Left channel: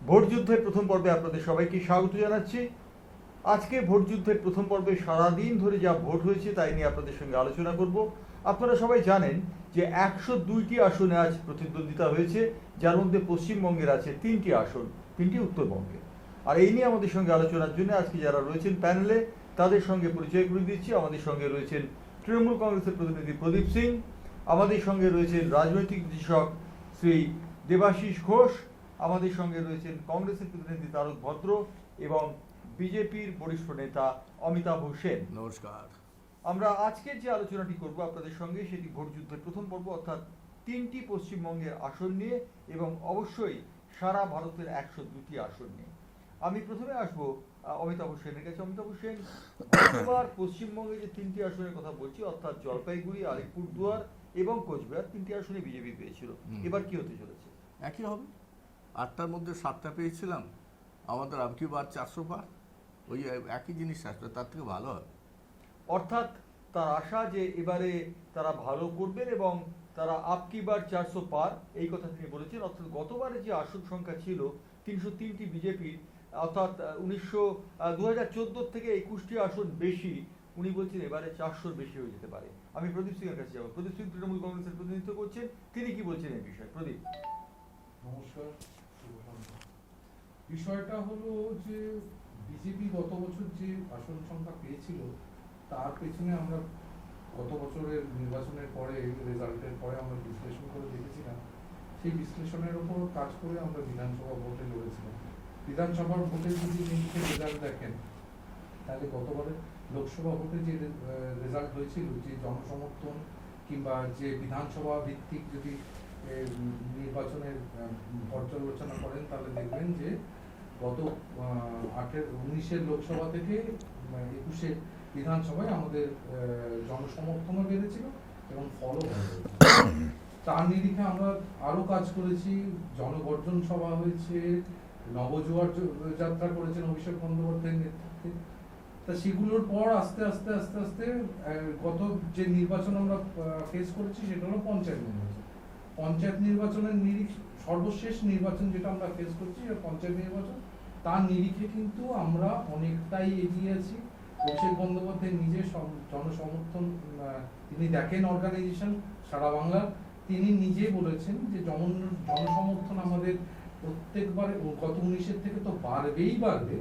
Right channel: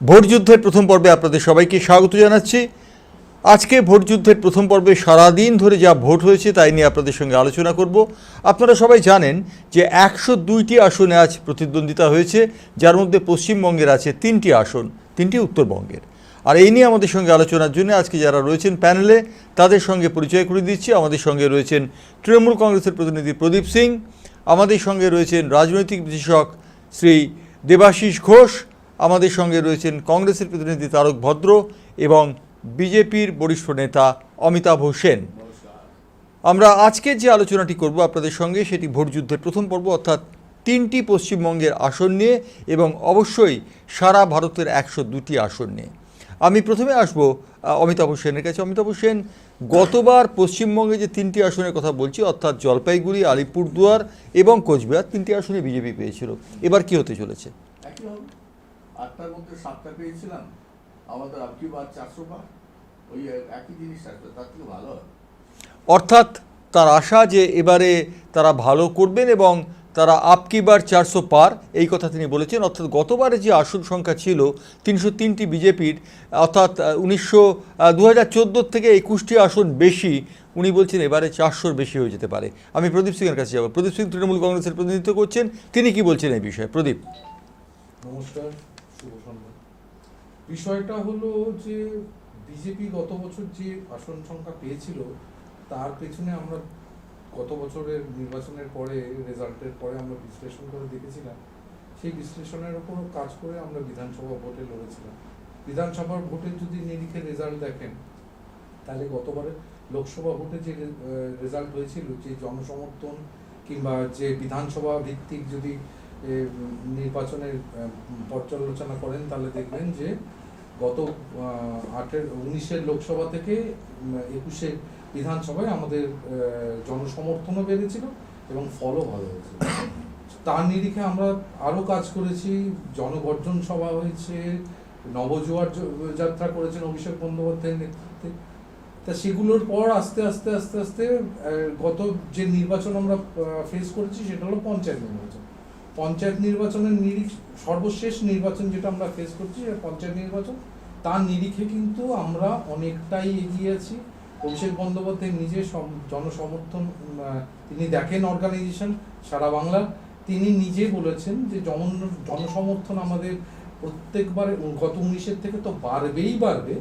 Vote যুদ্ধের প্রথম পর্বে আপনাদের সবাইকে স্বাগত জানাচ্ছি। আজকে ভোট যুদ্ধের প্রথম পর্বে সারাদিন ধরে যা ভোট হয়েছে তাই নিয়ে আপনাদের সঙ্গে আলোচনা করব। আপনারা সবাই জানেন যে 102টি আসনে আজ প্রতিদ্বন্দ্বিতা হয়েছে, যার মধ্যে পশ্চিমবঙ্গের আছে 3টি আসন, 3টি উত্তরবঙ্গের। আর এই নিয়ে আমাদের সঙ্গে আলোচনার জন্য আজকে যারা রয়েছেন প্যানেলে তাদের সঙ্গে পরিচয় করে দিচ্ছি। আমাদের সঙ্গে রয়েছেন তৃণমূল কংগ্রেসের প্রতিনিধি প্রদীপ সিং, আমাদের সঙ্গে রয়েছেন রাজনৈতিক বিশ্লেষক শ্রী দেবাশিস ঘোষ, আমাদের সঙ্গে রয়েছেন কংগ্রেসের প্রতিনিধি তারক ভদ্র এবং বিজেপির বরিষ্ঠ নেতা অমিতাভ সেন। আমরা আজকে যে আলোচনাটি করব আপনাদের সঙ্গে সেটি ভোট যুদ্ধের প্রথম পর্ব, অর্থাৎ 3টি পশ্চিমবঙ্গের আসন নিয়ে এবং অবশ্যই সারা ভারতের 102টি আসন নিয়ে। আমি প্রথমে আসব অমিতাভ সেনের কাছে। অমিতাভ সেন, গতবার পশ্চিমবঙ্গে যে 3টি আসনের কথা বলছি, অর্থাৎ জলপাইগুড়ি, আলিপুরদুয়ার এবং কোচবিহার, 3টি আসনে বিজেপি পেয়েছিল। এবার কি হতে চলেছে? একই হবে, 8টার মধ্যে 7টা পেয়েছিলাম, আমাদের আপকি বার 400 বার, ওই একই জিনিস আসবে, তার থেকে ভালো হয়। অর্থাৎ তার আশা যে এবারে তারা ভালো করবেন এবং তারা আপকি বার 400 পার, এই কথা তিনি বলেছেন। অর্থাৎ গতবারে যে আসন সংখ্যা ছিল 303টি বিজেপির, অর্থাৎ 2014 থেকে 21টি আসন বেশি, উনি বলছেন এবারে 400-র বেশি হয়ে যেতে পারে। আমি প্রদীপ সিংয়ের কাছে যাব। প্রদীপ সিং তৃণমূল কংগ্রেসের প্রতিনিধিত্ব করছেন, তিনি কি বলছেন এই বিষয়ে? প্রদীপ। নমস্কার, শুভ সন্ধ্যা। বিষয়টা হলো যে বিজেপি গত বছর যে আসন সংখ্যা পেয়েছিল তার পেছনে আমরা গত বছরের নির্বাচনের পরে, রেজাল্টের পরে আমরা বিশ্লেষণ করে দেখেছিলাম। সেই বিশ্লেষণের উপর কাজ করে আমরা বিধানসভা ভোটে লড়েছিলাম। বিধানসভার ভোটে যদি নিরিখে রেজাল্ট দেখেন, তাহলে গতবারে লোকসভা ভোটে যে রেজাল্ট হয়েছিল, যে জনসমর্থন কিংবা যে বিধানসভা ভিত্তিক যদি নির্বাচনের পর্যালোচনা করেন, তাহলে দেখবেন যে গত 19-এর লোকসভা থেকে 21-এ বিধানসভায় আমাদের জনসমর্থনও বেড়েছিল এবং ফলও ভালো হয়েছিল। তার নিরিখে আমরা আরও কাজ করেছি, জনগর্জন সভা হয়েছে, নবজোয়ার যাত্রা করেছেন অভিষেক বন্দ্যোপাধ্যায়ের নেতৃত্বে। তা সেগুলোর পর আস্তে আস্তে আস্তে আস্তে গত যে নির্বাচন আমরা ফেস করেছি সেটা হলো পঞ্চায়েত নির্বাচন। পঞ্চায়েত নির্বাচনের নিরিখ, সর্বশেষ নির্বাচন যেটা আমরা ফেস করছি সেটা পঞ্চায়েত নির্বাচন। তার নিরিখে কিন্তু আমরা অনেকটাই এগিয়ে আছি। অভিষেক বন্দ্যোপাধ্যায় নিজে জনসমর্থন তিনি দেখেন, অর্গানাইজেশন সারা বাংলা, তিনি নিজে বলেছেন যে জনসমর্থন আমাদের প্রত্যেকবার গত 19-এর থেকে তো বাড়বেই বাড়বে,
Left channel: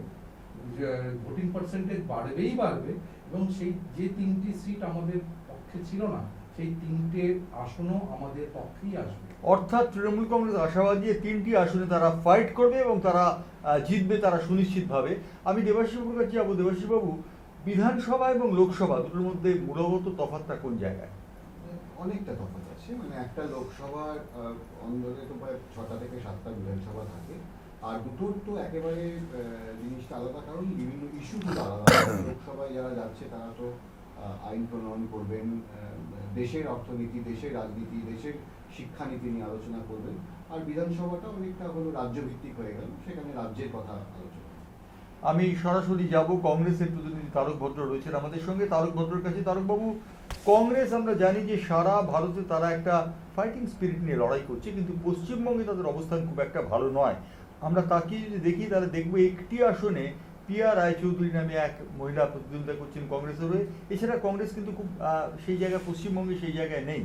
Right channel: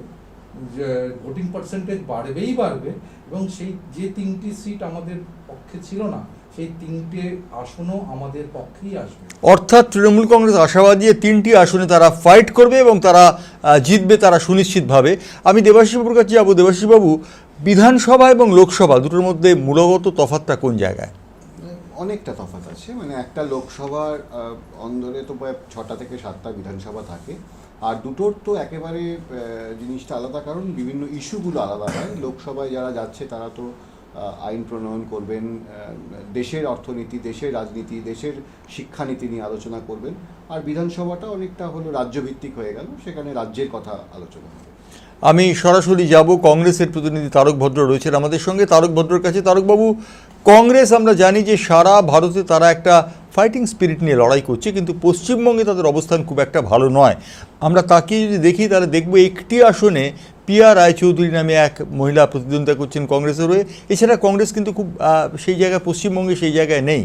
ভোটিং পার্সেন্টেজ বাড়বেই বাড়বে, এবং সেই যে 3টি সিট আমাদের পক্ষে ছিল না, সেই 3টে আসনও আমাদের পক্ষেই আসবে। অর্থাৎ তৃণমূল কংগ্রেস আশাবাদী 3টি আসনে তারা ফাইট করবে এবং তারা জিতবে, তারা সুনিশ্চিতভাবে। আমি দেবাশিস বাবুর কাছে যাবো। দেবাশিস বাবু, বিধানসভা এবং লোকসভা দুটোর মধ্যে মূলগত তফাৎটা কোন জায়গায়? অনেকটা তফাৎ আছে। মানে একটা লোকসভার অন্দরে তো প্রায় 6টা থেকে 7টা বিধানসভা থাকে, আর দুটোর তো একেবারে জিনিসটা আলাদা, কারণ বিভিন্ন ইস্যুগুলো আলাদা। লোকসভায় যারা যাচ্ছে তারা তো আইন প্রণয়ন করবেন, দেশের অর্থনীতি, দেশের রাজনীতি, দেশের শিক্ষানীতি নিয়ে আলোচনা করবেন। আর বিধানসভাটা অনেকটা হলো রাজ্যভিত্তিক হয়ে গেল, সেখানে রাজ্যের কথা আলোচনা হবে। আমি সরাসরি যাব, কংগ্রেসের প্রতিনিধি তারক ভদ্র রয়েছেন আমাদের সঙ্গে। তারক ভদ্রর কাছে। তারকবাবু, কংগ্রেস আমরা জানি যে সারা ভারতে তারা একটা ফাইটিং স্পিরিট নিয়ে লড়াই করছে, কিন্তু পশ্চিমবঙ্গে তাদের অবস্থান খুব একটা ভালো নয়। আমরা তাকিয়ে যদি দেখি তাহলে দেখবো একটি আসনে পিয়া রায়চৌধুরী নামে এক মহিলা প্রতিদ্বন্দ্বিতা করছেন কংগ্রেসের হয়ে। এছাড়া কংগ্রেস কিন্তু খুব সেই জায়গায়, পশ্চিমবঙ্গে সেই জায়গায় নেই।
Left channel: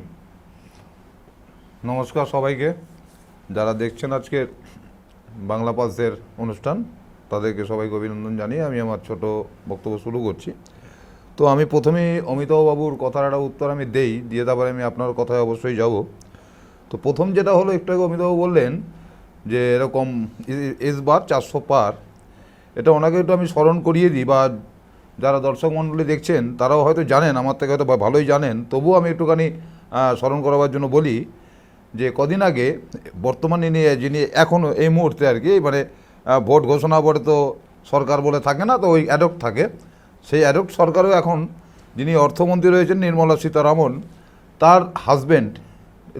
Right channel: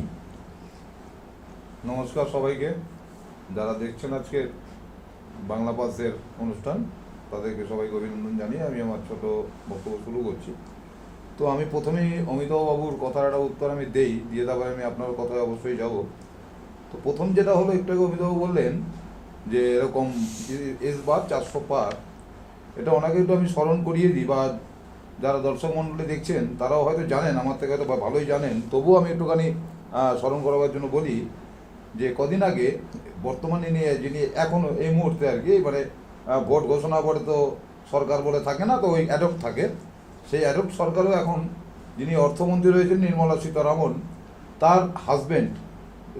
নমস্কার সবাইকে, যারা দেখছেন আজকে বাংলা পালসের অনুষ্ঠান, তাদেরকে সবাইকে অভিনন্দন জানিয়ে আমি আমার ছোট বক্তব্য শুরু করছি। তো আমি প্রথমেই অমিতাভ বাবুর কথার একটা উত্তর আমি দিয়ে তারপরে আমি আপনার কথায় অবশ্যই যাব। তো প্রথম যেটা হলো, একটু আগে অমিতাভ বললেন যে এরকম এসবার 400 পার, এটা ওনাকে একটু আমি স্মরণ করিয়ে দিই, বা যারা দর্শক মণ্ডলী দেখছেন তারাও হয়তো জানেন, আমার থেকে হয়তো ভালোই জানেন, তবুও আমি একটুখানি স্মরণ করাবার জন্য বলি যে কদিন আগে বর্তমানে যিনি এখনও এই মুহূর্তে আর কি, এবারে ভোট ঘোষণা পরে তো সরকার বলে থাকে না, তো ওই অ্যাডক থাকে, সেই অ্যাডক সরকারও এখন যিনি অর্থমন্ত্রী রয়েছেন নির্মলা সীতারামন, তার হাজব্যান্ড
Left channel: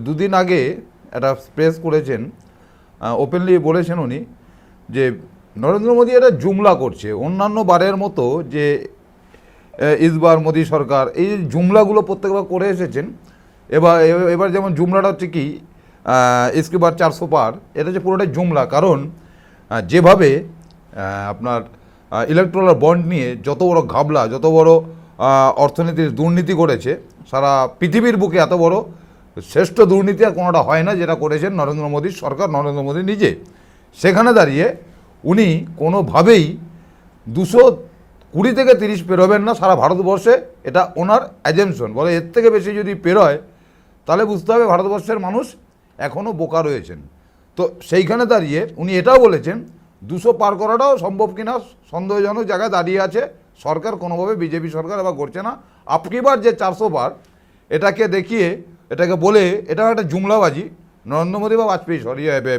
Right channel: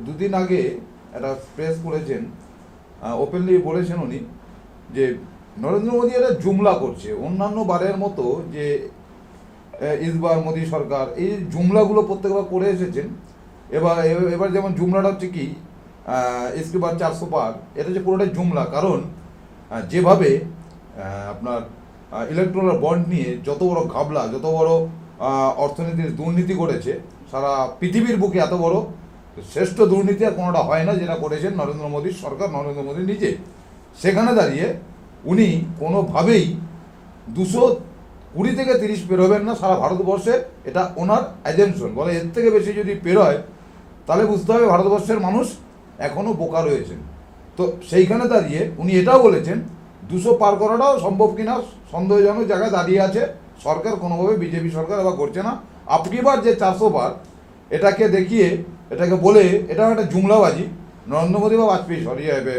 দুদিন আগে একটা প্রেস করেছেন, ওপেনলি বলেছেন উনি যে নরেন্দ্র মোদী এটা জুমলা করছে। অন্যান্য বারের মতো যে ইসবার মোদী সরকার এই জুমলাগুলো প্রত্যেকবার করে এসেছেন, এবার যেমন জুমলাটা হচ্ছে কি, ইসকে বার 400 পার, এটা হচ্ছে পুরোটাই জুমলা। কারণ যেভাবে আপনার ইলেকট্রাল বন্ড নিয়ে যত বড় ঘাবলা, যত বড় অর্থনীতির দুর্নীতি করেছে, সারা পৃথিবীর বুকে এত বড় শ্রেষ্ঠ দুর্নীতি আর কোনোটা হয় না যেটা করেছেন নরেন্দ্র মোদীর সরকার, নরেন্দ্র মোদী নিজে। সেখানে দাঁড়িয়ে উনি কোনোভাবেই 220 থেকে 30 পেরোবেন না সারা ভারতবর্ষে, এটা ওনার অ্যাজেমশন। বলে এর থেকে বেশি যদি পেরোয় তাহলে বুঝতে হবে ভারতবর্ষের মানুষ এখনও বোকা রয়েছেন। তো সেইখানে দাঁড়িয়ে উনি এটাও বলেছেন 200 পার করাটাও সম্ভব কিনা সন্দেহজনক জায়গায় দাঁড়িয়ে আছে সরকার, কোনোভাবে বিজেপি সরকার আবার করছে না। আপকিবার যে 400 পার এটাকে দেখিয়ে, এটাকে বলে এটা একটা জুমলাবাজি নরেন্দ্র মোদী বা বাজপেয়ী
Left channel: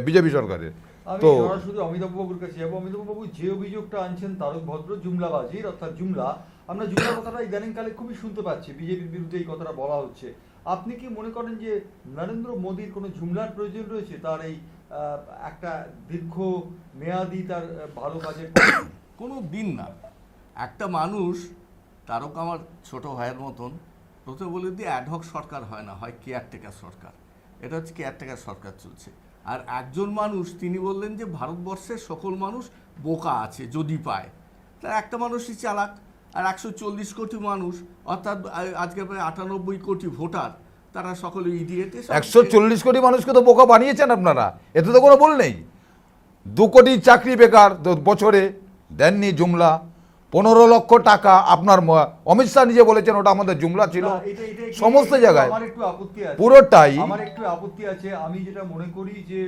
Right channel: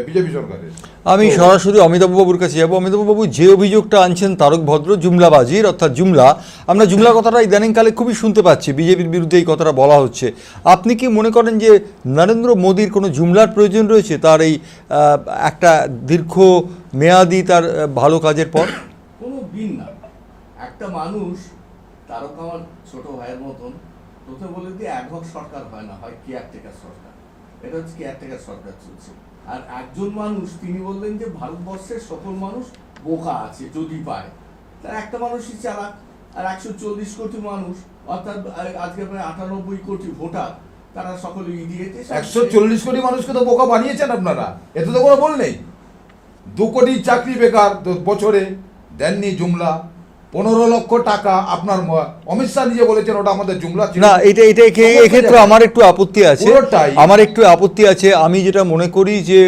বিজেপি সরকারের। আমি সরাসরি অমিতাভ বাবুর কাছে যাবো। অমিতাভ বাবু, যে অভিযোগটা আনছেন তারক ভদ্র জুমলাবাজির, অর্থাৎ জুমলা, আমরা জুমলা কথাটা ইদানিংকালে খুবই শুনতে পাচ্ছি, বিজেপির বিরুদ্ধে এই কথাটা বলা হচ্ছে। আপনি কি মনে করেন যে নরেন্দ্র মোদীর কোনো জুমলার প্রয়োজন রয়েছে তার এই একটা দীর্ঘ মেয়াদি তার ভালো কাজের পর? কোনো দিন না। একটা মানুষ, তারক আমার ছোট ভাইয়ের মতন, প্রথমে বলে দিয়ে অ্যাডহক সরকার হয় না, হয় কেয়ারটেকার সরকার। এটা হচ্ছে কেয়ারটেকার সরকার চলছে। আর একজন মানুষ, তিনি বললেন যে ভারতবর্ষের সকল মানুষ বোকা আছে যদি পায়, তার একটা মানুষই চালাক। আর 140 কোটি মানুষ, অর্থাৎ আজকে প্রায় 98 কোটি ভোটার, তারা সকলে ইডিয়েট। 140 কোটি মানুষকে তো বোকা বানিয়েছেন আপনারা, এতে তো কোনো বল নেই। 2 কোটি চাকরি বেকার বছরে দেননি জুমলা। 15 লক্ষ টাকা আপনার অমিত শাহ নিজে বলেছেন ওটা আমাদের জুমলা ছিল না, এটা এক্ষেত্রে আমার একটু আপত্তি আছে। আপত্তি আছে। আমি যেটা মনে করি যে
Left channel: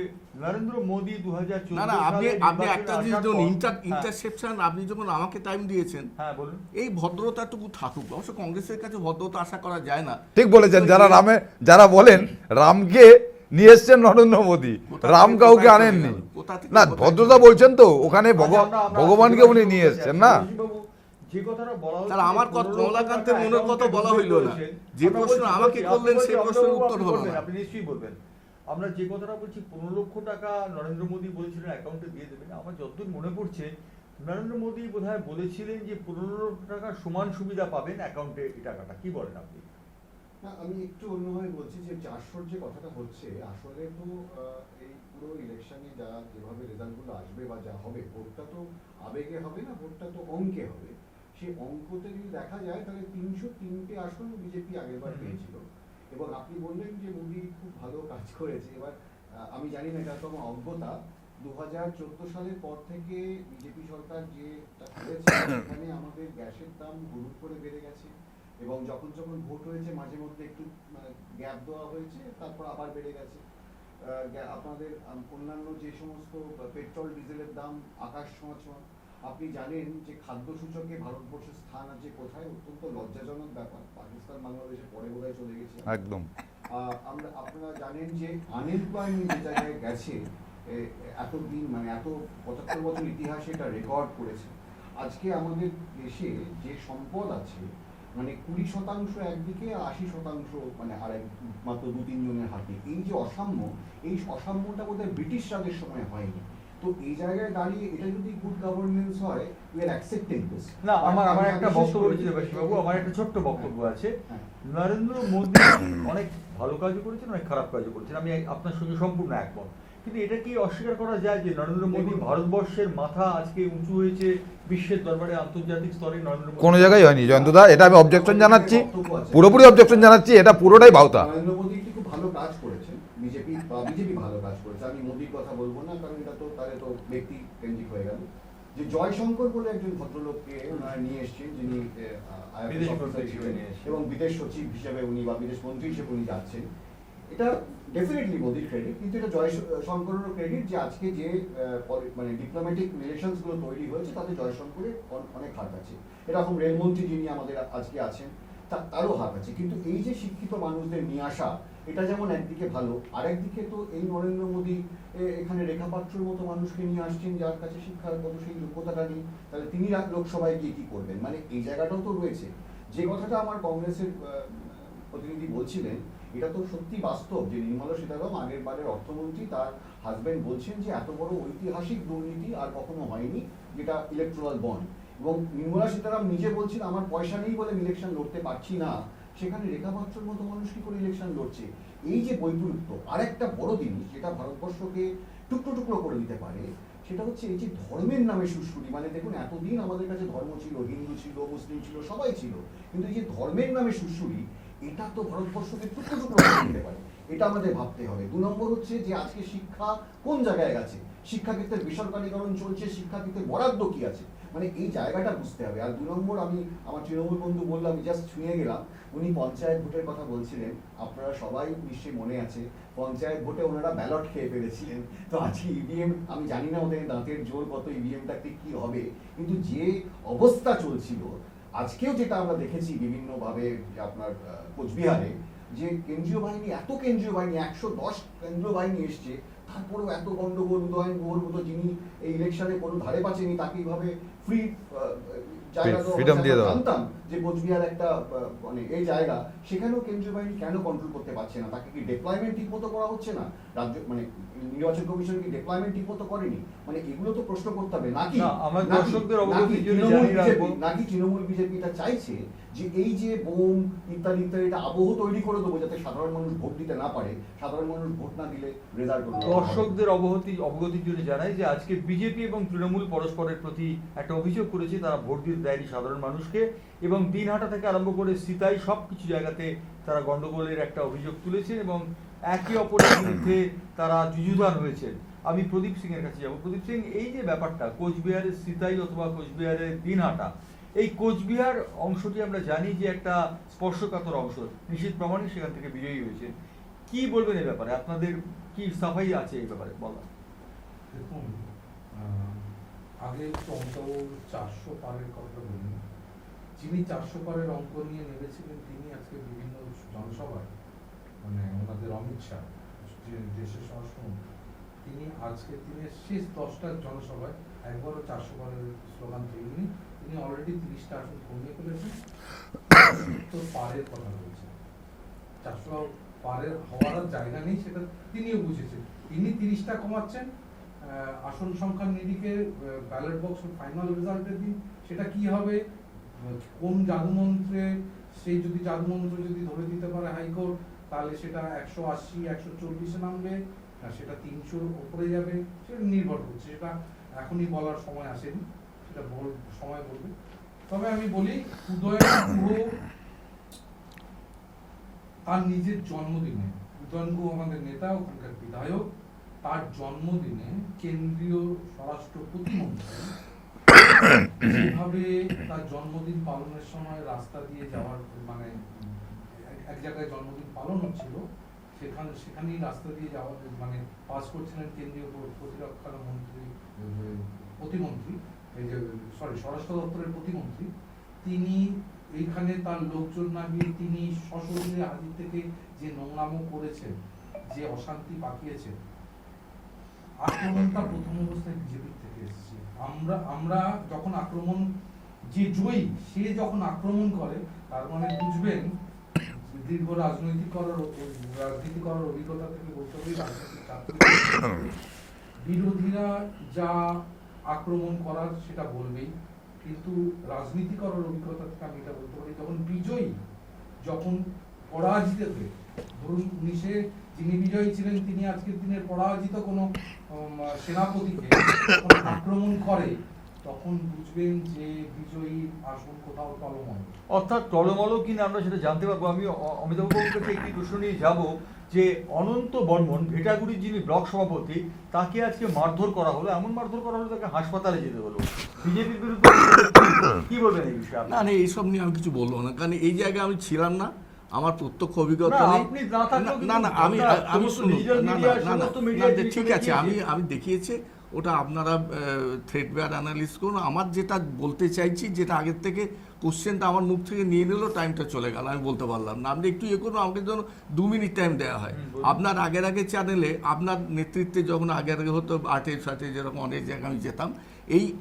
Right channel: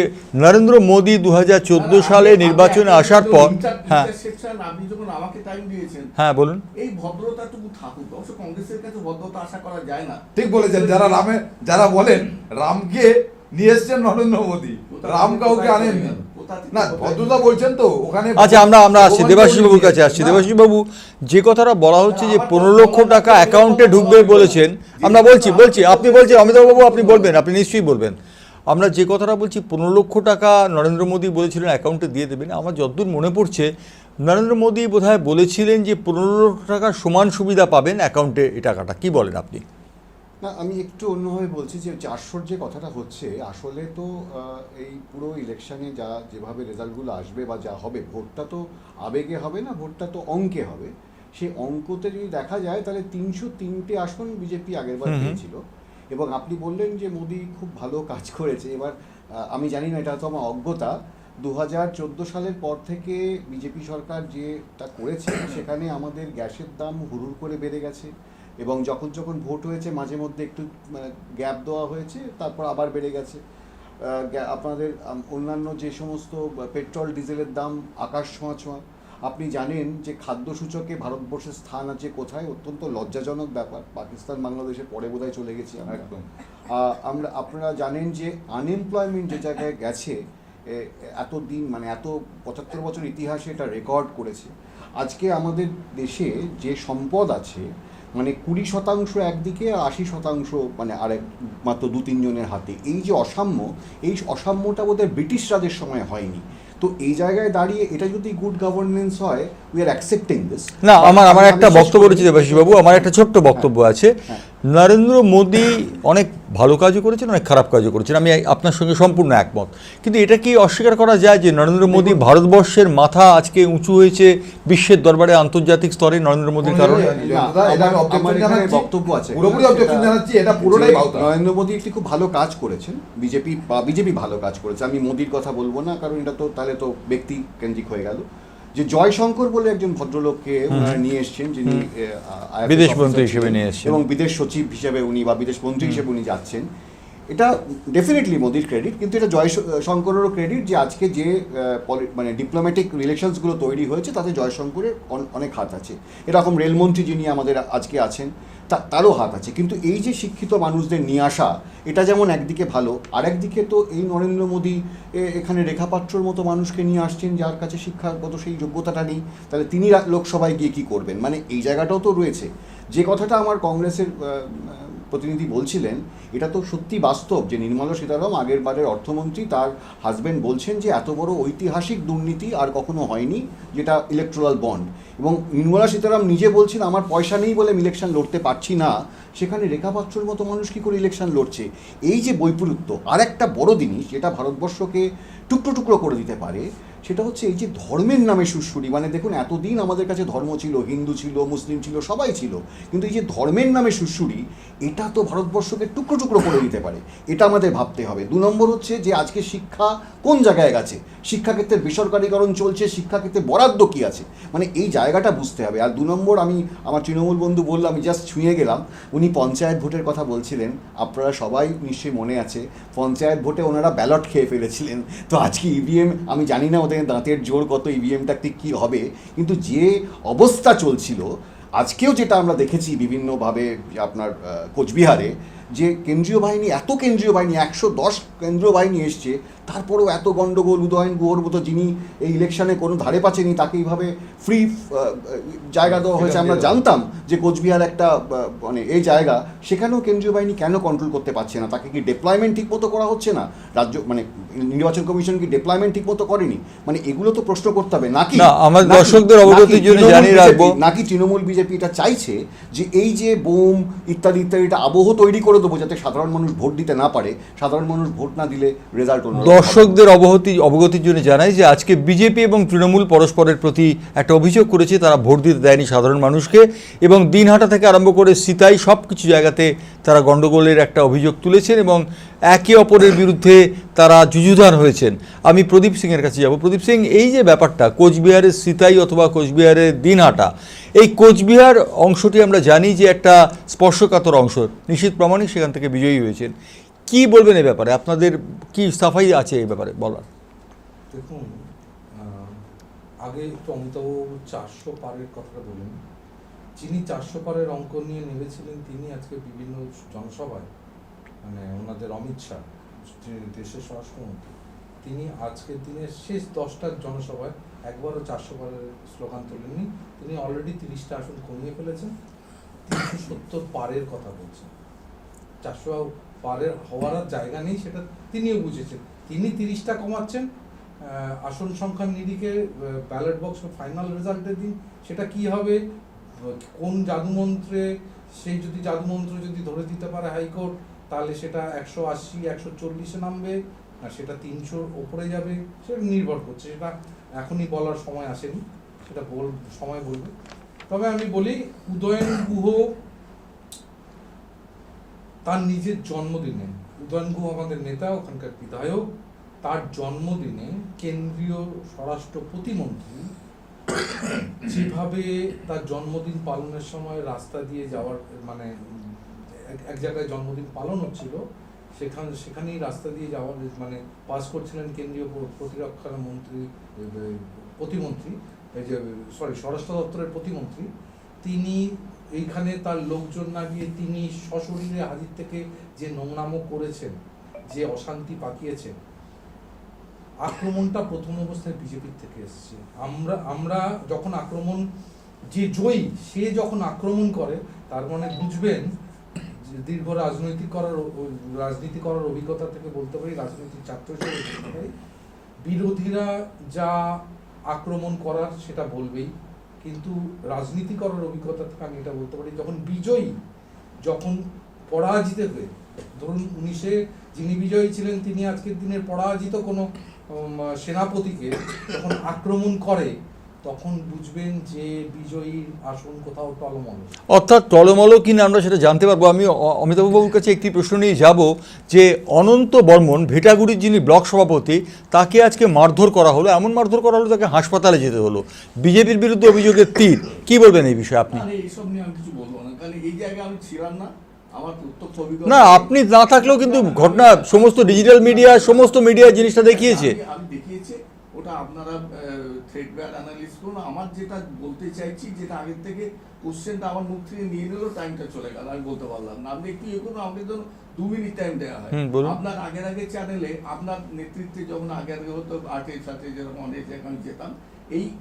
নরেন্দ্র মোদী 2014 সালে নির্বাচনে আসার পর, হ্যাঁ আপনি যখন আমাকে টাইম দিয়েছেন, হ্যাঁ বলুন, এই ভদ্রতাটুকু থাকুক। অবশ্য কংগ্রেসের কাছে ভদ্রতা আশা করা যায় না। ঠিক বলেছেন। যারা বলেন রামকে নিয়ে এসছেন নরেন্দ্র মোদী, রাম কাউকে আনেননি না, ভদ্রতা বলছেন তো ওখানে। আচ্ছা, আমরা আসছি দেবাশিস বাবুর কাছে আসছি। দেবাশিস বাবু, যে কথাটা বলা হচ্ছে যে 15 লক্ষ টাকা অ্যাকাউন্টে ঢুকবে বলেছেন, আমরা বলছি আপনি বলছেন, অমিতাভ বাবু আপনি বলবেন, আপনি নিশ্চয়ই বলবেন। আমরা যে কথাটা বলছি 15 লক্ষ টাকা নরেন্দ্র মোদী বলেছিলেন অ্যাকাউন্টে দিয়ে দেবেন। আমার যতদূর মনে পড়ছে নরেন্দ্র মোদী বোধহয় বলেছিলেন যে 15 লক্ষ টাকার সমান সুবিধা পাবেন অ্যাকাউন্টে এই টাকাটা। কি বলেন আপনি? না, আমি একটু অন্যভাবে বলছি যে 400 যে কথাটা হচ্ছে, আসলে তো এই পুরো ইলেকশনে যেভাবে রেজাল্টগুলো আসবে বা যা হবে, ভোটটা তো আবেগে হবে না, ভোটটা তো অঙ্কে হবে। সেই অঙ্কতে যদি দেখা যায় তাহলে 303টে আসন বিজেপি আগেরবার পেয়েছিল। এবং আপনি বললেন যে মোদী খুব ভালো কাজ করেছে। এবার আমি জানি না, এটা তো আমার অজ্ঞতা, 2014 সালের পর থেকে বিজেপি সরকার যেটা করেছে সেখানে আমাদের গ্যাসের দাম হুড়ুর করে বেড়ে গেছে, এবং যখন ভোট হয়েছে মাঝে মধ্যে একটু গ্যাপ দেওয়া হয়েছে, তারপর আবার বেড়ে গেছে। আপনাদের অন্যান্য যে সমস্ত পেট্রোল ডিজেলের দাম আকাশ ছোঁয়া। আপনি জানেন যে খাদ্য সূচকে ভারতবর্ষের স্থান আছে কোথায়, অত্যন্ত লজ্জাজনক ব্যাপার। পাকিস্তান বাংলাদেশের পরে বোধহয় চলে গেছি একদম। আপনারা জানেন যে আনএমপ্লয়মেন্ট যে জায়গায় গেছে, এতদিন মানে এত 75 বছর ইতিহাসে এটা রেকর্ড করেছে। আজকে আমাদের দেশে যে সম্পদ আছে, মানে 20% একদিকে আর 80% মানে আরেক মাত্র 2-3 জনের হাতে। এই যে অসাম্যটা বোধহয় ব্রিটিশ রাজের সময় হয়নি। তো এই জায়গায় দাঁড়িয়ে এটা যদি গুড গভর্নেন্স হয়, উই আর অ্যাকসেপ্টিং দিস। না, আমার একটা বক্তব্য রয়েছে দেবাশিস বাবু, আমার একটা ছোট্ট বক্তব্য আছে। নরেন্দ্র মোদী অনেক ভালো কাজও করেছেন, অনেক খারাপ কাজও করেছেন, আমি আপনার সঙ্গে সম্পূর্ণ একমত। কিন্তু এটা কি অস্বীকার করা যায় যে নরেন্দ্র মোদী ভারতবর্ষের মাথা আজকে উঁচু হয়েছে বিশ্বের দরবারে, আন্তর্জাতিক স্তরে নরেন্দ্র মোদী? কোনো জায়গায় হয়নি জয়ন্তদা, এটা আমি অবজেকশন জানাচ্ছি, পুরোপুরি অবজেকশন জানাচ্ছি, এটা পুরোটাই ভাওতা। নরেন্দ্র মোদী একটি খুব ভালো কাজ করেছেন, বিজেপি ভালো কাজ করেছে। আমি মোদীর কথা বলবো না, কারণ এটা তো তাহলে তো ব্যক্তি কেন্দ্রিক হয়ে গেল। যে জয়শঙ্কর বলে একজন ভদ্রলোককে ওনারা নিয়ে এসছেন, যিনি বিদেশ মন্ত্রী হিসেবে নিয়ে এসেছেন এবং বিদেশ সচিব হিসেবে উনি বা বিদেশ মন্ত্রী হিসেবে উনি যাচ্ছেন, এটা ডেফিনেটলি মোদির ক্রেডিট। কিন্তু এটা জয়শঙ্করেরও ক্রেডিট যে আজকে যে মানে ডিপ্লোম্যাটিক রিলেশনসগুলো তৈরি হয়েছে তাতে জয়শঙ্করের অনেক হাত আছে। এরকম রেলমন্ত্রী যিনি আমাদের আজকে আছেন তারও হাত আছে। কিন্তু এই যে শিক্ষিত মানুষদের নিয়ে আসা, এটা যেমন একদিকে ভালো, আরেকদিকে তো এই নরেন্দ্র মোদী এখানে রেখাপাত্রর মতো মানুষকে নিয়ে আসছেন যার কাছে শিক্ষাগত সেই যোগ্যতাটা নেই, তাহলে তিনি লোকসভায় গিয়ে কী করবেন, মানে এই জায়গাটাও তো রয়েছে। যে কথাটা আমার কংগ্রেসের প্রতিনিধি বলছিলেন, এটা তো সত্যি বাস্তব যে নির্মলা সীতারামন আগের বারের অর্থমন্ত্রী, তার হাজব্যান্ড বলছেন যে এত বড় ঐতিহাসিক দুর্নীতি আর কখনো হয়নি, যেটা ইলেকট্রাল বন্ড। এবং নির্মলা সীতারামন নিজে বলছেন আমার পয়সা নেই বলে ইলেকশন লড়তে পারছি না, সেখানে রেখাপাত্রর মতো মানুষ কী করে ইলেকশন লড়ছে। এই যে বৈপরীত্য, আর একটা বড় জিনিস যেটা ভারতবর্ষকে টুকরো টুকরো করে দিতে পারে, সেটা হচ্ছে এই যে ধর্মের নামে সুড়সুড়ি, মানে দেখুন এতদিন আমাদের কাছে ধর্ম ছিল, হিন্দু ছিল, মুসলিম ছিল, সবাই ছিল, কিন্তু এই যে ধর্মের নামে সুড়সুড়ি, এটা তো ভারতবর্ষকে টুকরো টুকরো করে দিতে পারে, এটা আমাদের ভাবতে হবে। 2 নম্বর হচ্ছে যে আজকে শিক্ষা কোন জায়গায় গেছে, শিক্ষাক্ষেত্রের বেসরকারীকরণ চলছে, শিক্ষাক্ষেত্রে বরাদ্দ কী আছে, মানে এই জায়গাটা বুঝতে হবে। আর 2 নম্বর, আমি আমার তৃণমূল বন্ধু বললাম, আমি জাস্ট ছুঁয়ে গেলাম, উনি পঞ্চায়েত ভোটের কথা বলছিলেন, আপনারা সবাই নিশ্চয়ই মনে আছে পঞ্চায়েত ভোটে ওনারা ব্যালট খেয়ে ফেলেছিলেন। তো আজকে ইভিএম, আমি জানি না ওদের দাঁতের জোর কত, ইভিএমটা ঠিক কী হবে, কিন্তু যে অবস্থা চলছিল আজকেও যেটা আমরা দেখেছি বিভিন্নভাবে আপনার কোচবিহারে, যে কেন্দ্রীয় বাহিনী, এত কেন্দ্রীয় বাহিনী, 110 কেন্দ্রীয় বাহিনী এসছে, তারপরেও এত গণ্ডগোল। উদয়ন গুহর মতো যিনি এই ইলেকশনে কোনো ধারে পাচ্ছেনি, তাকে এইভাবে ফ্রি জায়গা দেওয়া হয়েছে। আমরা জানতাম যে কোচবিহার একটা মানে এই জায়গা, সেখানেও কেন্দ্রীয় বাহিনী কেন কন্ট্রোল করতে পারছে না? তাকে কি ডিপ্লয়মেন্ট ঠিক মতো করা হচ্ছে না? রাজ্য মানে নির্বাচন কমিশন কি ডিপ্লয়মেন্ট ঠিক মতো করেনি? মানে এগুলো তো প্রশ্ন করতে হবে। নাকি না, আমাদের দর্শকদের অবগতির জন্য জানিয়ে রাখবো, নাকি তৃণমূল বিজেপি এটা চাইছে যে এই যে বোম ইত্যাদি ইত্যাদিটা আবহ তৈরি করে দেবো, যাতে সাধারণ মানুষ ভোট দিতে না পারে, সাধারণ মানুষ ভোট না দিলে রেজাল্ট অন্য। দর্শকদের অবগতির জন্য জানাই যে আজকে বিজেপি এবং তৃণমূল পরস্পরের প্রতি একটা অভিযোগ করেছে, তারা ভোট দিতে দেয়নি সাধারণ মানুষকে, এবং দিনহাটা থেকে আরম্ভ করে সিতাই সব কিছু জায়গাতে তারা গণ্ডগোলের একটা অভিযোগ তুলেছেন এবং একে অপরের বিরুদ্ধে তারা যুযুধান হয়েছেন। আমি প্রদীপ সিংয়ের কাছে যাব। প্রদীপ সিং, এই যে ব্যাপারটা কোচবিহারের সিতাই অথবা কোচবিহারের দিনহাটা, এই কোচবিহার অংশটি আমরা জানি যে একটা স্পর্শকাতর অংশ, নিশীথ প্রামাণিক সেখান থেকে বিজয়ী হয়েছেন। কি বলবেন এই ব্যাপারে? আপনাদের কি সাফাই আছে এই ব্যাপারে বলার? দেখুন, আগে একটু অমিতাভ 400 পারের কথা বলেন। যিনি 400 পারের অঙ্ক নিয়ে নেমেছিলেন, তিনি আজকে বিভিন্ন জনসভায়, মানে ওনাদের অমিত শাহ যে দেশের স্বরাষ্ট্রমন্ত্রী, তিনি আজকের দিনের শেষ 10টা জনসভায় একবারও 400 পারের স্লোগান তোলেননি। তিনি অলরেডি 30টা আসন কমিয়ে ফেলেছেন, 370 পারের কথা বলছেন। 400 পারের হওয়ার জায়গা নেই, সেটা তিনিও বুঝেছেন। তিনি 30টা কমাচ্ছেন, আসন সংখ্যার নিরিখে ব্যালট বক্স ফাইনাল রেজাল্টের দিন সেটা কি হবে, কোন জাদুমন্ত্রে, সেই যদি জাদুমন্ত্র যদি ধরে দিতে পারে হাইকোর্ট, তাহলে সেটা 180 140-এ নামবে, আর সেটা 300-র ওপরে যাবে, সেটা নির্ভর করছে। সেটা এখনই বলার সময় আসেনি, সেটা সময় বলবে। তবে আমি বলি, উদয়ন গুহ তার নিজের জন্মদিনে, উদয়ন গুহ আমাদের নেতা, ওখানকার বিধায়ক, তার জন্মদিনে কেন্দ্রীয় স্বরাষ্ট্র প্রতিমন্ত্রী যেভাবে তার জন্মদিন পালনের সময় রাস্তা দিয়ে যাওয়ার, মানে এক জায়গায় জন্মদিন পালন হচ্ছিল, সেখানেই রাস্তা দিয়ে যাওয়ার মানে পাস করছিলেন কেন্দ্রীয় প্রতিরক্ষা মন্ত্রী, প্রতিমন্ত্রী, এই যে স্বরাষ্ট্র দপ্তরের প্রতিমন্ত্রী, তিনি এইখানে তার লোকজন না গিয়ে তিনি সশরীরে হাজির থেকে যে নোংরামো করেছেন, যে অশান্তি পাকিয়েছেন। আক্রমণটা প্রথম অবস্থায় বিজেপির থেকে এসেছে। আমরা যখন আক্রমণ, যে জয়ী সে যখন আক্রমণ করে, তার মানে বুঝবেন যে দীর্ঘ রাজনীতি করার অভিজ্ঞতা থেকে বলতে পারি, রাজনৈতিক ছাত্র বিরোধীরা যা আক্রমণ করার সেটা বলবেই, কিন্তু রাজনীতি করার অভিজ্ঞতা থেকে আমি এটা বলতে পারি, যখন বিজয়ী, যখন পরাজিত হয়ে, ধরুন 19-এ যিনি বিজয়ী ছিলেন, তিনি আজকের দিনের পরাজিত কোনো সেনাপতিকে যখন আক্রমণ করে, তখন বুঝবেন যে বিজয়ীর আসন কোথাও টলমল। অর্থাৎ টলমল কিনা আমরা সেটা জানতে পারবো। আমি অমিতাভ বাবুর কাছে একটি প্রশ্ন নিয়ে যাব, যে অনন্ত বর্মন, ভেটাগুড়ির যিনি ব্লক সভাপতি, তাকে আজকে মারধর করা হলো, এমন মারধর করা হলো তাকে হাসপাতালে যেতে হলো, বিজেপির বিরুদ্ধে অভিযোগের তীর। কি বলবেন এই বিষয়ে আপনি? না, এইসব নিয়ে আমি কিছু বলবো না, কারণ এই জায়গায় আমি ছিলাম না, আমার প্রত্যক্ষ অভিজ্ঞতা। না, আপনি না থাকলেও কিন্তু ঘটনা সমস্ত ডিজিটাল মিডিয়া, সমস্ত মিডিয়া জিনিসটা দেখিয়েছে। আমি দেখিয়েছি, ওটা আপনারা থ্রেড ব্যাড অ্যানালিস করুন। আমার যেটা বলতে চাইছি, যেটা আগের থেকে কোশ্চেনটা আমার মুখ থেকে নিয়ে নিল, টাইমটা চলে গেল, আমি বলতে পারলাম না। আপনি একটু ইয়ে করুন, আমাকে যেন 2 মিনিট টাইম দেওয়া হয়। আপনার আগে চ্যানেলে আপনার নেতৃত্বে যখন আগে হতো, 8-এর সাথে যেরকম অনেক জায়গায় আমি যেতাম,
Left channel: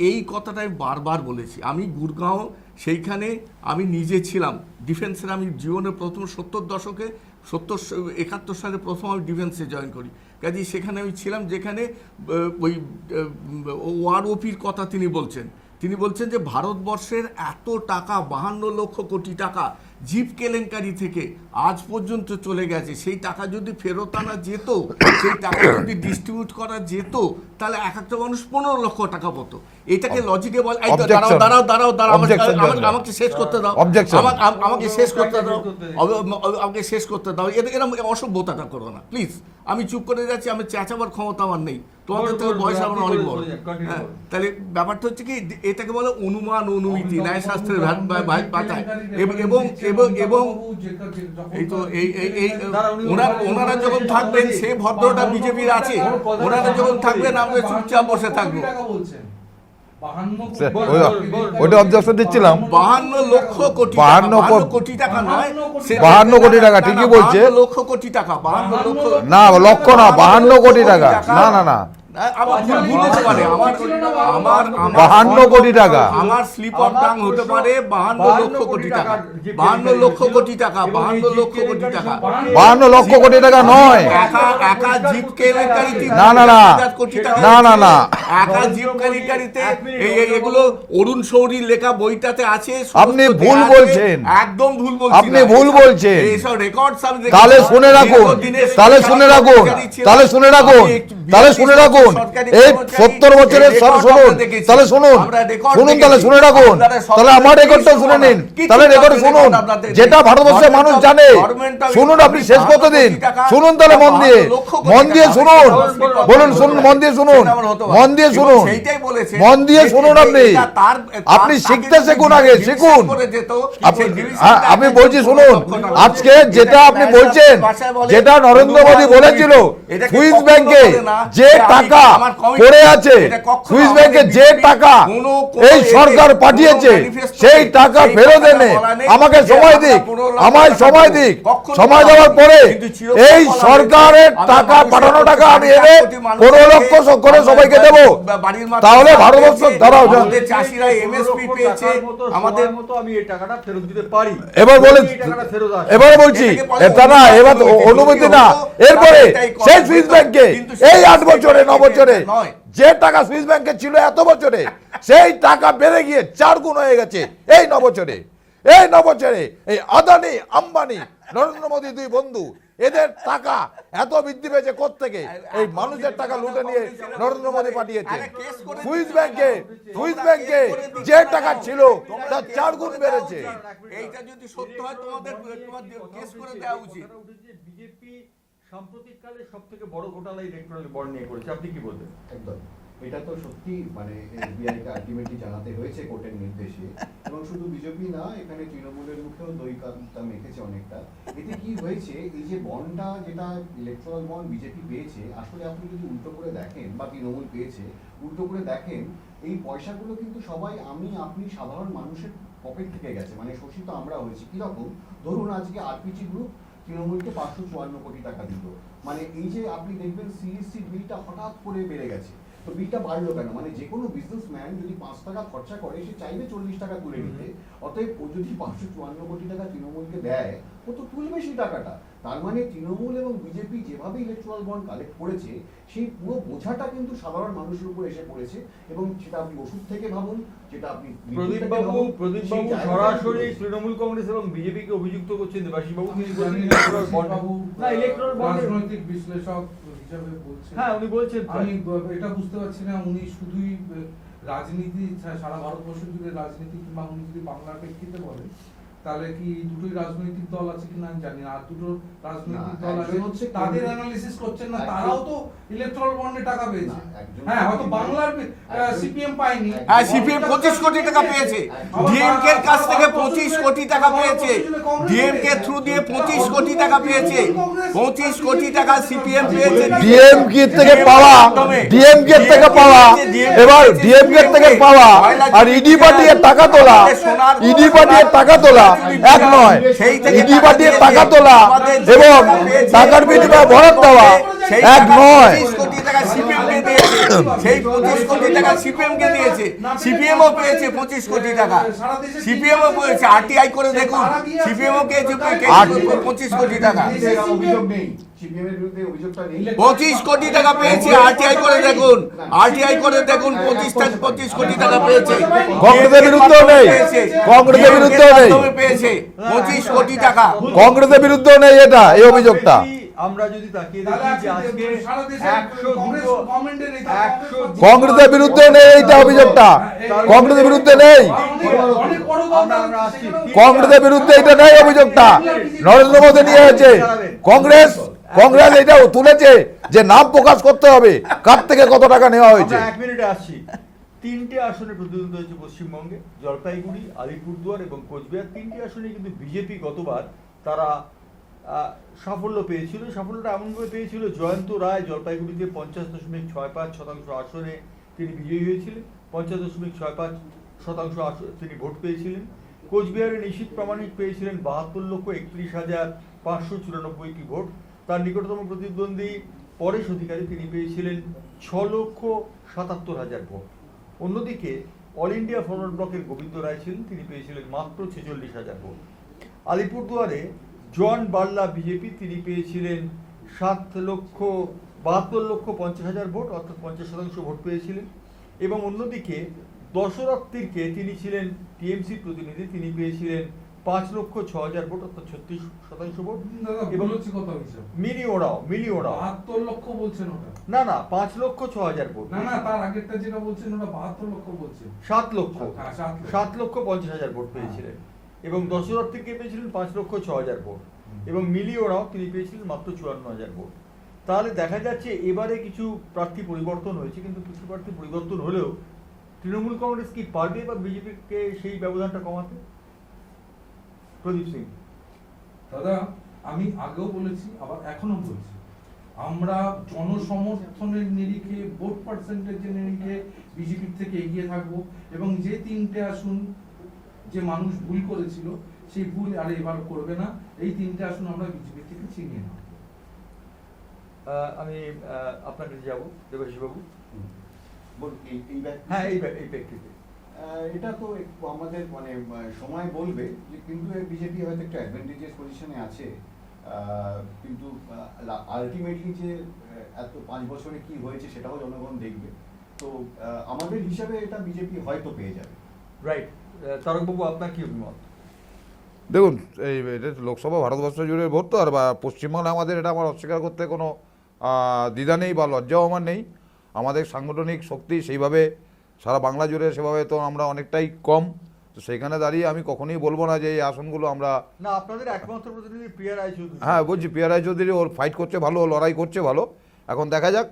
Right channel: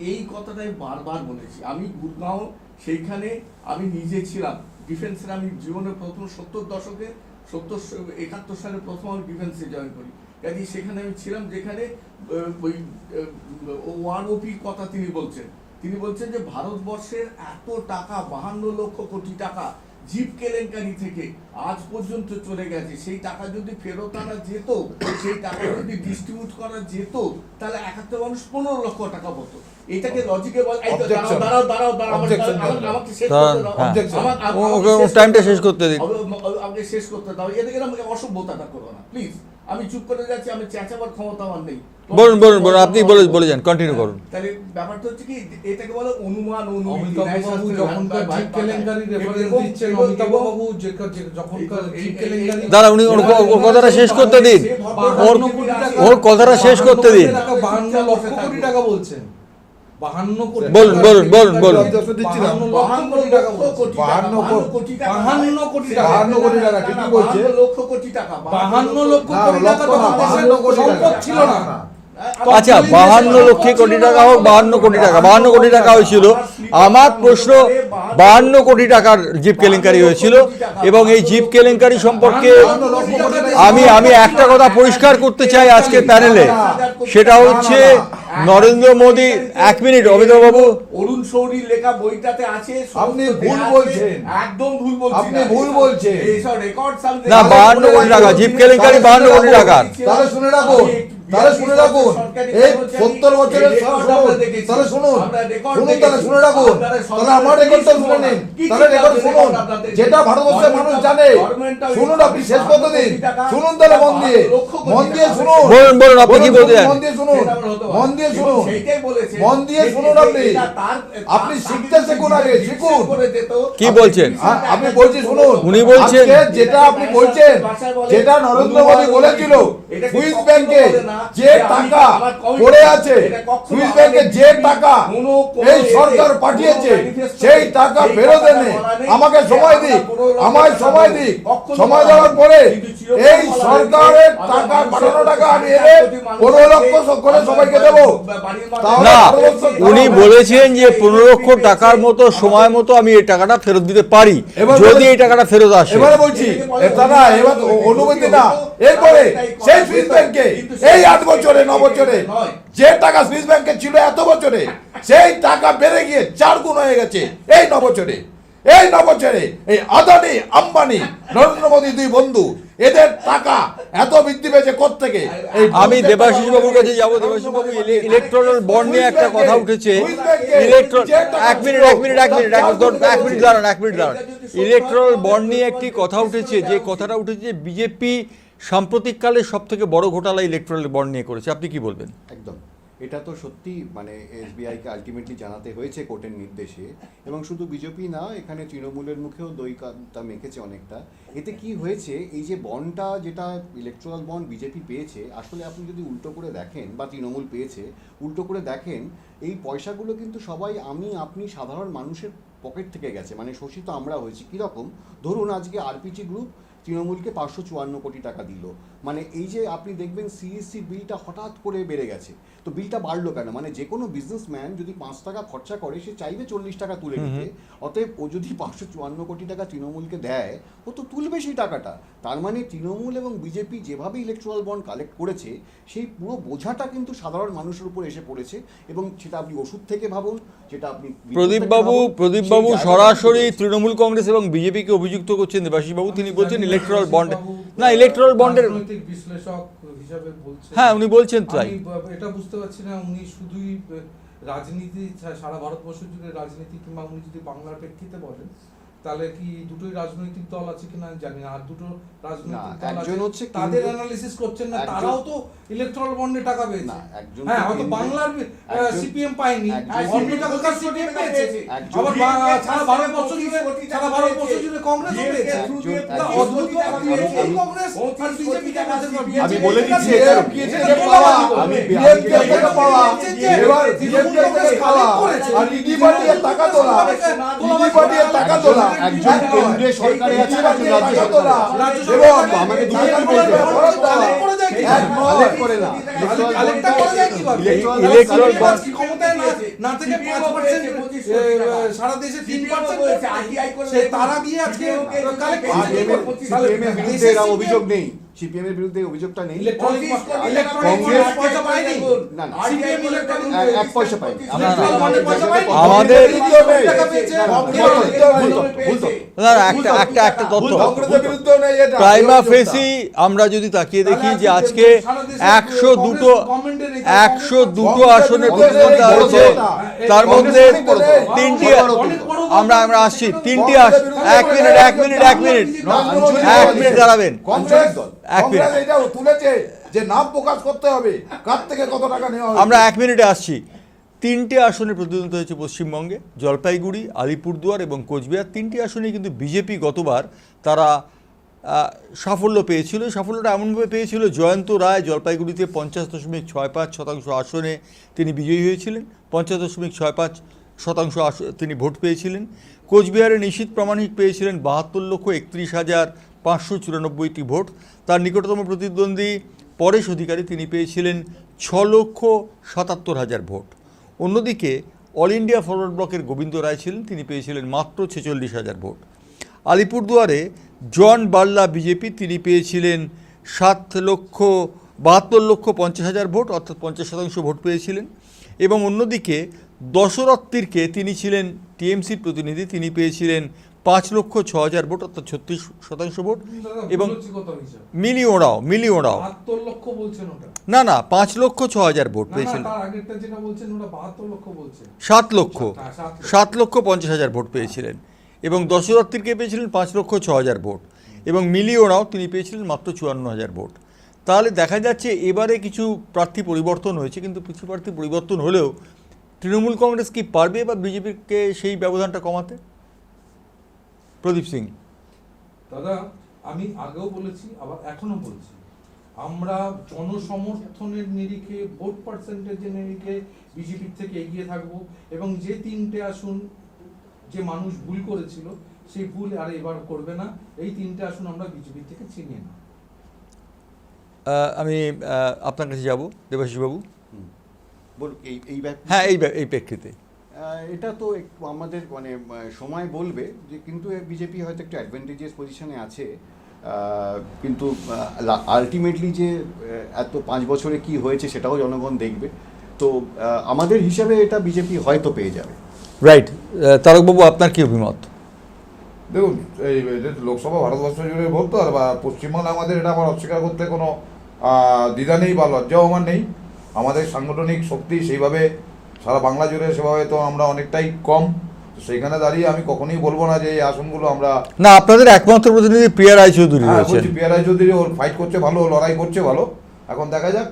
এই কথাটাই বারবার বলেছি। আমি গুরগাঁও, সেইখানে আমি নিজে ছিলাম ডিফেন্সের। আমি জীবনের প্রথম 70 দশকে 71 সালে প্রথম আমি ডিফেন্সে জয়েন করি। কাজে সেখানে আমি ছিলাম, যেখানে ওই ওআরওপির কথা তিনি বলছেন যে ভারতবর্ষের এত টাকা, 52 লক্ষ কোটি টাকা জিপ কেলেঙ্কারি থেকে আজ পর্যন্ত চলে গেছে, সেই টাকা যদি ফেরত আনা যেত, সেই টাকা যদি ডিস্ট্রিবিউট করা যেত, তাহলে এক একটা মানুষ 15 লক্ষ টাকা পেতো। এটাকে লজিকে বল। Objection. দাঁড়াও Objection চলছে। আমাকে শেষ করতে দাও। Objection. টাইমটা শেষ করতে দিন। আমাকে শেষ করতে দাও। এদিকে অসভ্যতাটা করো না প্লিজ। আমি চুপ করে যাচ্ছি, আমি চেঁচাবার ক্ষমতা আমার নেই। বলুন, আপনি বলে যান, কন্টিনিউ করুন। তাহলে ব্যাপারটা হচ্ছে কি, এটাকে বলে অনুমান, অনুমিতি, অমিতাভ ন্যায়শাস্ত্রের বাবু যখন ভাষায় কেলেঙ্কারির এবং reference দিচ্ছেন, অমিতাভ বাবু যখন এই তো এই- দাঁড়া, উনি ওর কথাটা শেষ করতে দিন। সে ভদ্রতা ওর- বিজেপির আছে। ওর কথাটা শেষ করতে দিন। আমরা চুপচাপ বসে থাকবো। টাকা বলছেন 52 কোটি বলুন। ওটা objection দিচ্ছিলাম। 52 লক্ষ কোটি টাকা, 52 কোটি টাকা নয়, 52 কোটি সেটা- 52 কোটি টাকা, না, ঠিকই না, বলছে। 52 লক্ষ কোটি টাকা, 52 লক্ষ না লক্ষ না, 52 কোটি টাকা। না না আচ্ছা, 52 লক্ষ কোটি টাকা হোক, 52 কোটি টাকা, 52 কোটি টাকা হয়েছিল। আমার প্রশ্ন, 52 কোটি টাকার জিপ কেলেঙ্কারি হয়েছিল, এবং এই জিপ কেলেঙ্কারি সম্পর্কে 52 লক্ষ কোটি টাকা আমি নয়। আমি একটা কথা পরিষ্কার করতে চাই আজকে প্যানেলে। না, না, সেটা না, হচ্ছে না। নরেন্দ্র মোদী। এক মিনিট অমিতাভ বাবু, অরুণ শৌরীর লেখা বইটাতে আছে। আপনি সমস্ত ভুল দেয়া আছে। বলছেন। একদম ভুল বলছেন। আপনি ভুল বলছেন। এইসব রেকর্ড সব তাহলে শুনে রাখুন, জিপ কেলেঙ্কারি তাহলে শুনে 52 কোটি রাখুন, টাকা। তাহলে শুনে রাখুন, তাহলে শুনে রাখুন। এই 70 বছরের সব শুনুন, তাহলে শুনুন, তাহলে শুনে রাখুন, তাহলে আমার রেকর্ডটা শুনে নিন, তাহলে রেকর্ড শুনুন, যেটা ভারতবর্ষের মানুষ জানে। শুনুন, আপনি শেষ করতে দিন, শুনুন তাহলে মন দিয়ে শুনুন, বলুন, আপনি কি বলতে চান? মন দিয়ে শুনুন, মন দিয়ে শুনুন, সেইটাই বলেছে। মন দিয়ে শুনুন। আপনি শিখতে শিখুন, আগে শিখুন। কি বলছেন? আমি বলছি শুনুন, উনি বলছেন- আজকে যেটা আপনি বলছেন, যেটা নরেন্দ্র মোদী বলেছিল, সুইস ব্যাংকে যে টাকা পড়ে আছে, সুইস ব্যাংকে যে টাকা এই সরকার পাঠিয়েছে, সেই টাকা ফেরত এনে আমাকে সময় দিক, আমায় সময় দিক, সময় দেওয়ার পরে এই সরকারের টাকা পাঠানো টাকা আমি এনে 15 লক্ষ করে সবাইকে দেবো। তাহলে ভারতবর্ষ উনি বলেছেন যে 15 লক্ষ টাকার মতো সময় মতো আমি এই টাকাটা ফেরত দিতে পারি, এবার যদি বলে- এই টাকাটা ফেরত আসে। এবার বলছি, এটা না, এবার অনুমতি না। এরপরে সেই সুইস ব্যাংকে এই 8 বছরে 9 বছরে যে টাকা সুইস ব্যাংকে ছিল এত বছরে, সেই টাকা বেড়ে গিয়ে 4 গুণ হয়ে গেছে এই 9 বছরে। এই 9 বছরে এই আদানি, আম্বানি, নরেন্দ্র মোদী দুই বন্ধু, এদের টাকা এত বৃদ্ধি পেয়েছে কোত্থেকে? আমি দেবাশিস বাবুর কাছে যাবো। দেবাশিস বাবু, ইলেকট্রাল বন্ড নিয়ে একটা কথা উঠেছে। এক মিনিট দাঁড়ান। ইলেকট্রাল বন্ড নিয়ে একটি কথা উঠেছে, যে কথাটা উঠেছে বিজেপি সাম্প্রতিককালে সব থেকে বড় ঘোটালা ইলেকট্রাল বন্ড নিয়ে করেছে। আপনি কি বলবেন? একদম, এটা তো সত্যি, মানে এসবিআই কে আলটিমেটলি জানাতে হয়েছে কোর্টের নির্দেশে, এবং শুধু বিজেপি না, এখানে তৃণমূলের মুখেও দই কাঁটা মেখেছে অনেকটা। এতে কি হয়েছে, এই যে বন্ডটা, যেটা ইলেকট্রাল বন্ড বিজেপি পেয়েছে, আসলে আপনি যদি উল্টো করে দেখেন, বা তৃণমূল পেয়েছে উল্টো করে দেখেন, এই পয়সাগুলো কিন্তু সবাই আপনি সাধারণ মানুষের পকেট থেকে গেছে। মানে শোষিত আমরা হয়েছি। কিরকম? ধরুন আজকে আরপিজি গ্রুপ তৃণমূলকে 554 কোটি টাকা দিল। মানে এই যে আপনি দেখবেন সিইসি বিলটা হঠাৎ করে বেড়ে গেছে। তো বিলটা বাড়লো কেন? মানে যে কোনো বিজনেসম্যান যদি 5 টাকা খরচা করে, সে চাইবে 40 টাকা তুলে নিতে। অতএব ও যদি 554 কোটি টাকা তৃণমূলকে দেয়, ও তো তুলবে সেই টাকাটা। তার মানে তৃণমূল এবং বিজেপি যেভাবে ইলেকট্রাল বন্ড কালেক্ট করেছে, সেই পুরো বোঝাটা কিন্তু সাধারণ মানুষের উপর এসে পড়েছে। এবং সেটা আপনি ওষুধ থেকে ভাবুন, সেটা আপনি প্রদীপ বাবু সরাসরি তৃণমূল কংগ্রেস এবং বিজেপিকে অভিযুক্ত করছেন। দেবাশিস বাবু তিনি বলছেন ইলেকট্রাল বন্ড, না ইলেকট্রাল বন্ডের রাজনৈতিক বিশ্লেষক হিসাবে বলছেন। হ্যাঁ, উনি বলছেন তাই। আমি এটা বুঝতে পারছি না, উনি শুধুই রাজনীতি, সারা ভারতবর্ষ জুড়ে রাজনীতি, কিংবা উনি যদি বাংলার প্রেক্ষিতে বলেন, তাহলে কি দুটোই রাজনৈতিক দল আছে কিনা আমি জানি না। আর দুটো রাজনৈতিক দল আছে, একজন হচ্ছে তাদের কেন্দ্রীয়- অ্যানালিসিস করছেন না, একজন- তারাও তো ইলেকট্রাল বন্ডে টাকা পেয়েছে। না, একজন হ্যাঁ, হয়তো কেন্দ্রীয়- বাংলার একজন- সিপিএম পায়নি। হ্যাঁ, সিপিএম 25 কোটি টাকা পেয়েছে। ডিএমকে এর কাছ থেকে 25 কোটি টাকা পেয়েছে। ডিএমকে থ্রু দিয়ে 25 কোটি টাকা পেয়েছে। 25 কোটি টাকা সিপিএম পেয়েছে। ডিএমকে থেকে পাওয়া, ডিএমকে থেকে পাওয়া, এবার ডিএমকে থেকে পাওয়া আর ইডি পাঠিয়ে টাকা তোলা, ইডি পাঠিয়ে টাকা তোলা এক নয়। ইডি পাঠিয়ে টাকা তোলা এবং টাকার বিনিময়ে বরাদ্দ দেওয়া এক নয়। 25 কোটি টাকা সিপিএম পেয়েছে। সেই 25 কোটি টাকা ইলেকট্রন সিপিএম কে দিয়েছে, সিপিএম ও পেয়েছে 25 কোটি টাকা, সিপিএম ও পেয়েছে, আরটিআই করে দেখুন, সিপিএম ও পেয়েছে 25 কোটি টাকা, অভিযোগ নেই, সিপিএম এর বিরুদ্ধে অভিযোগটা নেই। 25 কোটি টাকা পেয়েছে, আরটিআই করে দেখুন, আরটিআই করে দেখুন, 25 কোটি টাকা পেয়েছে, কংগ্রেসের বিরুদ্ধেও নেই, কংগ্রেসের বিরুদ্ধেও নেই, পেয়েছে না, 25 কোটি টাকা। কংগ্রেসের বিরুদ্ধেও নেই এটা, এই আমরা অভিযোগটা। পেয়েছি, আমরা যদি তাকিয়ে দেখি যে আজকে 102 কংগ্রেসের বিরুদ্ধে নেই এইটা অভিযোগটা, তার কংগ্রেসের বিরুদ্ধে নেই, তিনটি আমরা আসছি, কংগ্রেসের বিরুদ্ধে এটা নেই অভিযোগটা। নরেন্দ্র মোদী কি হয়েছে, কংগ্রেস এটাও তুলেছে যে নাম প্রকাশ করতে হবে, কার থেকে কত টাকা নেওয়া আমরা হয়েছে। 1 মিনিটে আসছি। 3টে আসনে প্রতিদ্বন্দ্বিতা হয়েছে পশ্চিমবঙ্গে, জলপাইগুড়ি, আলিপুরদুয়ার এবং কোচবিহার। 3টি আসনে কিন্তু বিজেপি গতবার তারা সাফল্য পেয়েছিল। সাফল্যটা এমনভাবে পেয়েছিল, জয়ন্ত রায় জলপাইগুড়িতে 50.65% আসনে তিনি বিজয়ী হয়েছিলেন, 50.65% তিনি ভোট পেয়েছিলেন। কোচবিহারে নিশীথ প্রামাণিক পেয়েছিলেন 72,65,594টি ভোট। তার নিকটতম প্রতিদ্বন্দ্বী পরেশ অধিকারী, তিনি পেয়েছিলেন 6,77,000 ভোট। অন্যদিকে অল ইন্ডিয়া ফরওয়ার্ড ব্লকের গোবিন্দ রায় ছিলেন, তিনি পেয়েছিলেন মাত্র 46,000 ভোট। আলিপুরদুয়ারে জন বাল্লা বিজেপি, তিনি পেয়েছিলেন 7,72,50,000 ভোট, অর্থাৎ 50% ভোট পেয়েছিলেন। এবং অন্যদিকে দশরথ-তীরকে, তিনি ছিলেন টিএমসির প্রতিনিধি, তিনি পেয়েছিলেন 5,06,000 ভোট, অর্থাৎ 36% ভোট। এবং মিলি ওরাও 72 লক্ষ বলছেন ওটা, না 5,06,000 ভোট পেয়েছিলেন, তার আগেরটা যেটা বলছেন ওটা 72 লক্ষ বলছেন, 7,50,000 ভোট পেয়েছিলেন। এবং দশরথ-তীরকে পেয়েছিলেন 5,06,000 ভোট। এবং মিলি ওরাও তিনি পেয়েছিলেন মাত্র 54,000 ভোট। তাহলে দেখা যাচ্ছে এবারে কিছু প্রার্থী পরিবর্তন হয়েছে, কিন্তু কিছু প্রার্থী পরিবর্তন হলেও তৃণমূল কংগ্রেস কি পারবে বা বিজেপিকে সেই ব্যবধানটা কমাতে? প্রদীপ সিং। দাদা আমি আগেও বলেছি, আবার এখনো বলছি, আমরা জনসমর্থনের নিরিখে, ভোট পার্সেন্টেজের নিরিখে বিজেপির থেকে এগিয়ে থাকবো, এবং যে 3টে আসন যে মানুষ ভুল করেছিল সেই ভুল আর এবার করবে না। এই 3টে আসন আমরা বিজেপির থেকে ছিনিয়ে নেব। আমি আপনার কাছে যাব, দেবাশিস বাবু। হ্যাঁ, এই প্রেক্ষিতে এটা তো আমাদের মানে সময় বলবে যে, কিন্তু বিজেপি হয়তো একটু অ্যাডভান্টেজিয়াস পজিশনে আছে, কিন্তু আলটিমেটলি যে এত 5 বছরে কি হয়েছে সেটাও জনগণ দেখবে। তো আমাদের হিসাবে এটা বিজেপি হয়তো পেয়ে যাবে। রাইট। তারকবাবু, আপনার কি অভিমত? দেখুন, এই লোকসভা ভারতবর্ষ জুড়ে ভোট তো, আর পশ্চিমবাংলা আমাদের এটা আমার অস্বীকার করতে কোনো দ্বিধা নেই বা লজ্জাও আমার নেই। আমাদের সাংগঠনিক শক্তি সেইভাবে সারা বাংলা জুড়ে সেভাবে তো আমরা অনেকটাই কম। সেখানে দাঁড়িয়ে আমি কখনোই বলবো না যে এই আসনগুলো আমরা না, আপনাদের একমাত্র প্রতিনিধি প্রিয়া রায়চৌধুরী রয়েছেন। প্রিয়া রায়চৌধুরী ওর ফাইট করছে ভালো, লড়াই করছে ভালো। এখন দেখা যাক,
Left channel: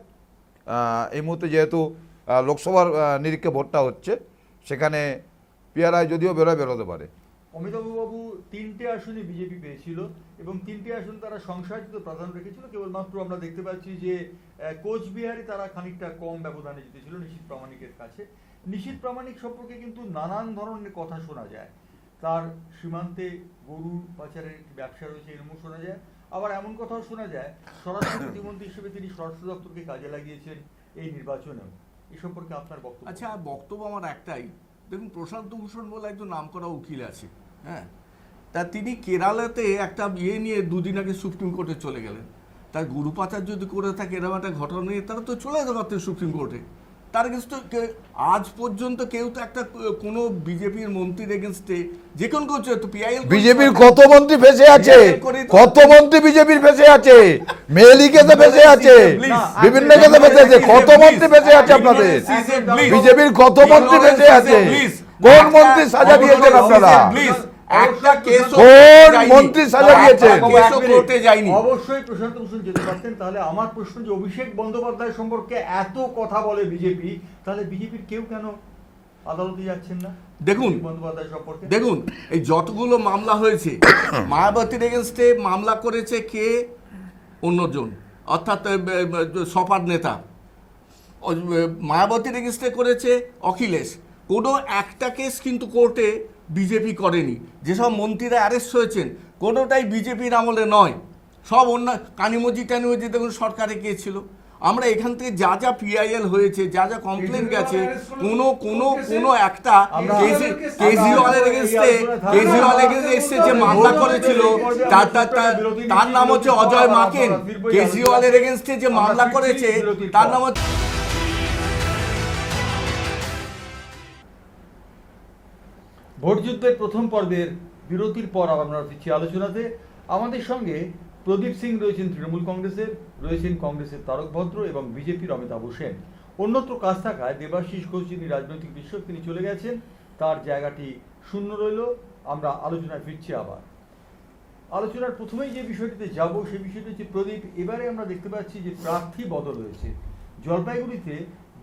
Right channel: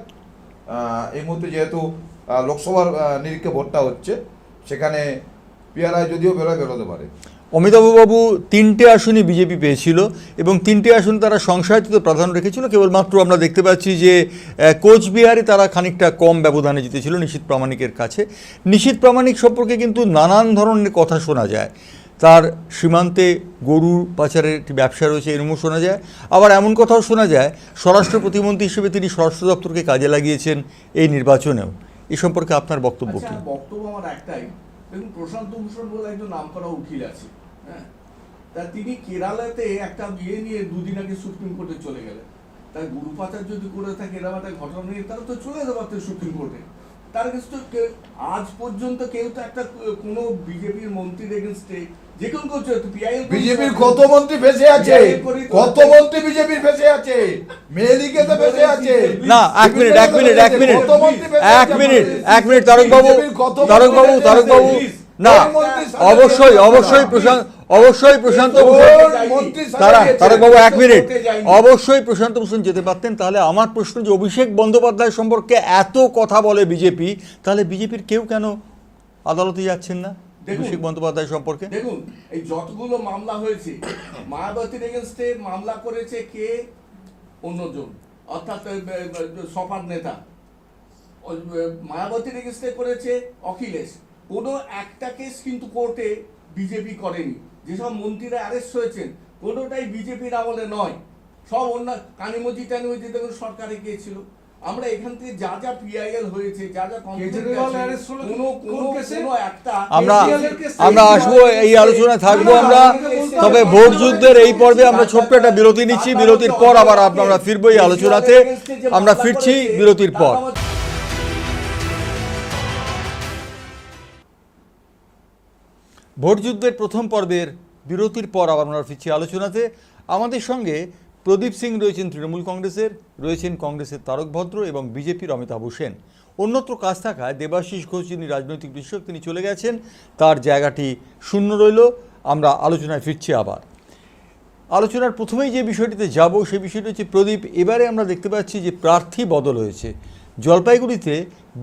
এই মুহূর্তে যেহেতু লোকসভার নিরীক্ষে ভোটটা হচ্ছে, সেখানে প্রিয়া রায় যদিও বেরোতে পারে। অমিতাভবাবু 3টে আসনই বিজেপি পেয়েছিল এবং 3টে আসন তারা সংশয়াতীত প্রাধান্য রেখেছিল। কেবলমাত্র আমরা দেখতে পাচ্ছি যে কোচবিহারে তারা খানিকটা কম ব্যবধানে জিতেছিল নিশীথ প্রামাণিকের কাছে। নিশীথ প্রামাণিক সম্পর্কে কিন্তু নানান ধরনের কথা শোনা যায়। তার সীমান্তে গরু পাচারের একটি ব্যবসা রয়েছে, এরকমও শোনা যায়। আবার এমন কথাও শোনা যায় স্বরাষ্ট্র প্রতিমন্ত্রী হিসেবে তিনি স্বরাষ্ট্র দপ্তরকে কাজে লাগিয়েছেন এই নির্বাচনেও। এ সম্পর্কে আপনার বক্তব্য কি? বক্তব্য আমার একটাই, দেখুন প্রশান্ত ভূষণ বলে একজন নামকরা উকিল আছে, হ্যাঁ, তা তিনি কেরালাতে একটা বিয়ে নিয়ে 2 দিন আগে সুপ্রিম কোর্টে চলে গেলেন। তার গরু পাচার যদি করে থাকে এরকম একটা ঘটনা নিয়ে, তারা তো চলে যেতে পারতেন সুপ্রিম কোর্টে। তার এগেনস্টে আজ পর্যন্ত কেউ তো একটা কোনো বিজেপির মন্ত্রীর এগেনস্টে যে কোন করছে তো পিআইএল বিজেপির কত মন্ত্রী ফেসে আছে, কত মন্ত্রী বিজেপির ফেসে আছে, মেয়েলিকে তো ফেসে আছে, না, বিভিন্ন জায়গাতে ফেসে আছে, কত মন্ত্রী ফেসে আছে আপনাদের? এক মিনিট, তারকবাবু, বিজেপির কত মন্ত্রী ফেসে আছে? কোন মন্ত্রী সাজা দিয়েছে অবশ্যই প্রশান্ত মন্ত্রী সাজা দিয়েছে? তারকবাবু, এক মিনিট, অবশ্যই প্রশান্ত ভূষণ যেতে পারতেন। তাহলে আমার প্রশ্ন যে অভিষেক বন্দ্যোপাধ্যায় সম্পর্কে এত কথা বলে বিজেপি, তাহলে বিজেপির কেউ কেন আদালতে যাচ্ছেন না দেখুন অভিষেক বন্দ্যোপাধ্যায় সম্পর্কে? দেখুন, এই যতগুলো মামলা হয়েছে, মায়াবতীর এগেনস্টে মামলা করেছে কে? অন্যজন, অর্থাৎ সপার নেতা। মায়াবতীর এগেনস্টে করেছে অখিলেশ। কোনো একটা কেস কিন্তু কোর্টে বিজেপি করেনি। যেসব মন্ত্রীরা অ্যারেস্ট হয়েছেন কোনোটাই বিজেপির আমলে নয়, সব অন্য কানিমজি টানিমজি দেখুন সরকারে গিয়েছিল। আমরা এখান থেকে যা যা পিআইএল হয়েছে, যা যা কমপ্লেন গেছে, কোনো একটা আমরা আমরা আসবো, এই আলোচনায় থাকবো আমরা। তবে ভোট যুদ্ধের এই পর্বে আমরা ছোট্ট একটা বিরতি নিচ্ছি, বিরতির পর আবার আমরা ফিরবো এই আলোচনাতে। আমরা ফিরছি বিরতির পর। ভোট যুদ্ধের প্রথম পর্বের বিরতির পর আবার আমরা ফিরছি আলোচনাতে। আমাদের সঙ্গে প্রদীপ সিং রয়েছেন তৃণমূল কংগ্রেসের, রয়েছেন কংগ্রেসের তারক ভদ্র এবং বিজেপির অমিতাভ সেন। অন্যত্র কাজ থাকায় দেবাশিস ঘোষ, যিনি রাজনৈতিক বিশ্লেষক, তিনি চলে গেছেন, তার জায়গাটি শূন্য রইল। আমরা আলোচনায় ফিরছি আবার। আলোচনার প্রথমেই যে বিষয়টিতে যাব সেই বিষয়টি হচ্ছে প্রদীপ, এবারে আমরা দেখতে পাচ্ছি যে প্রার্থী বদল হয়েছে। জলপাইগুড়িতে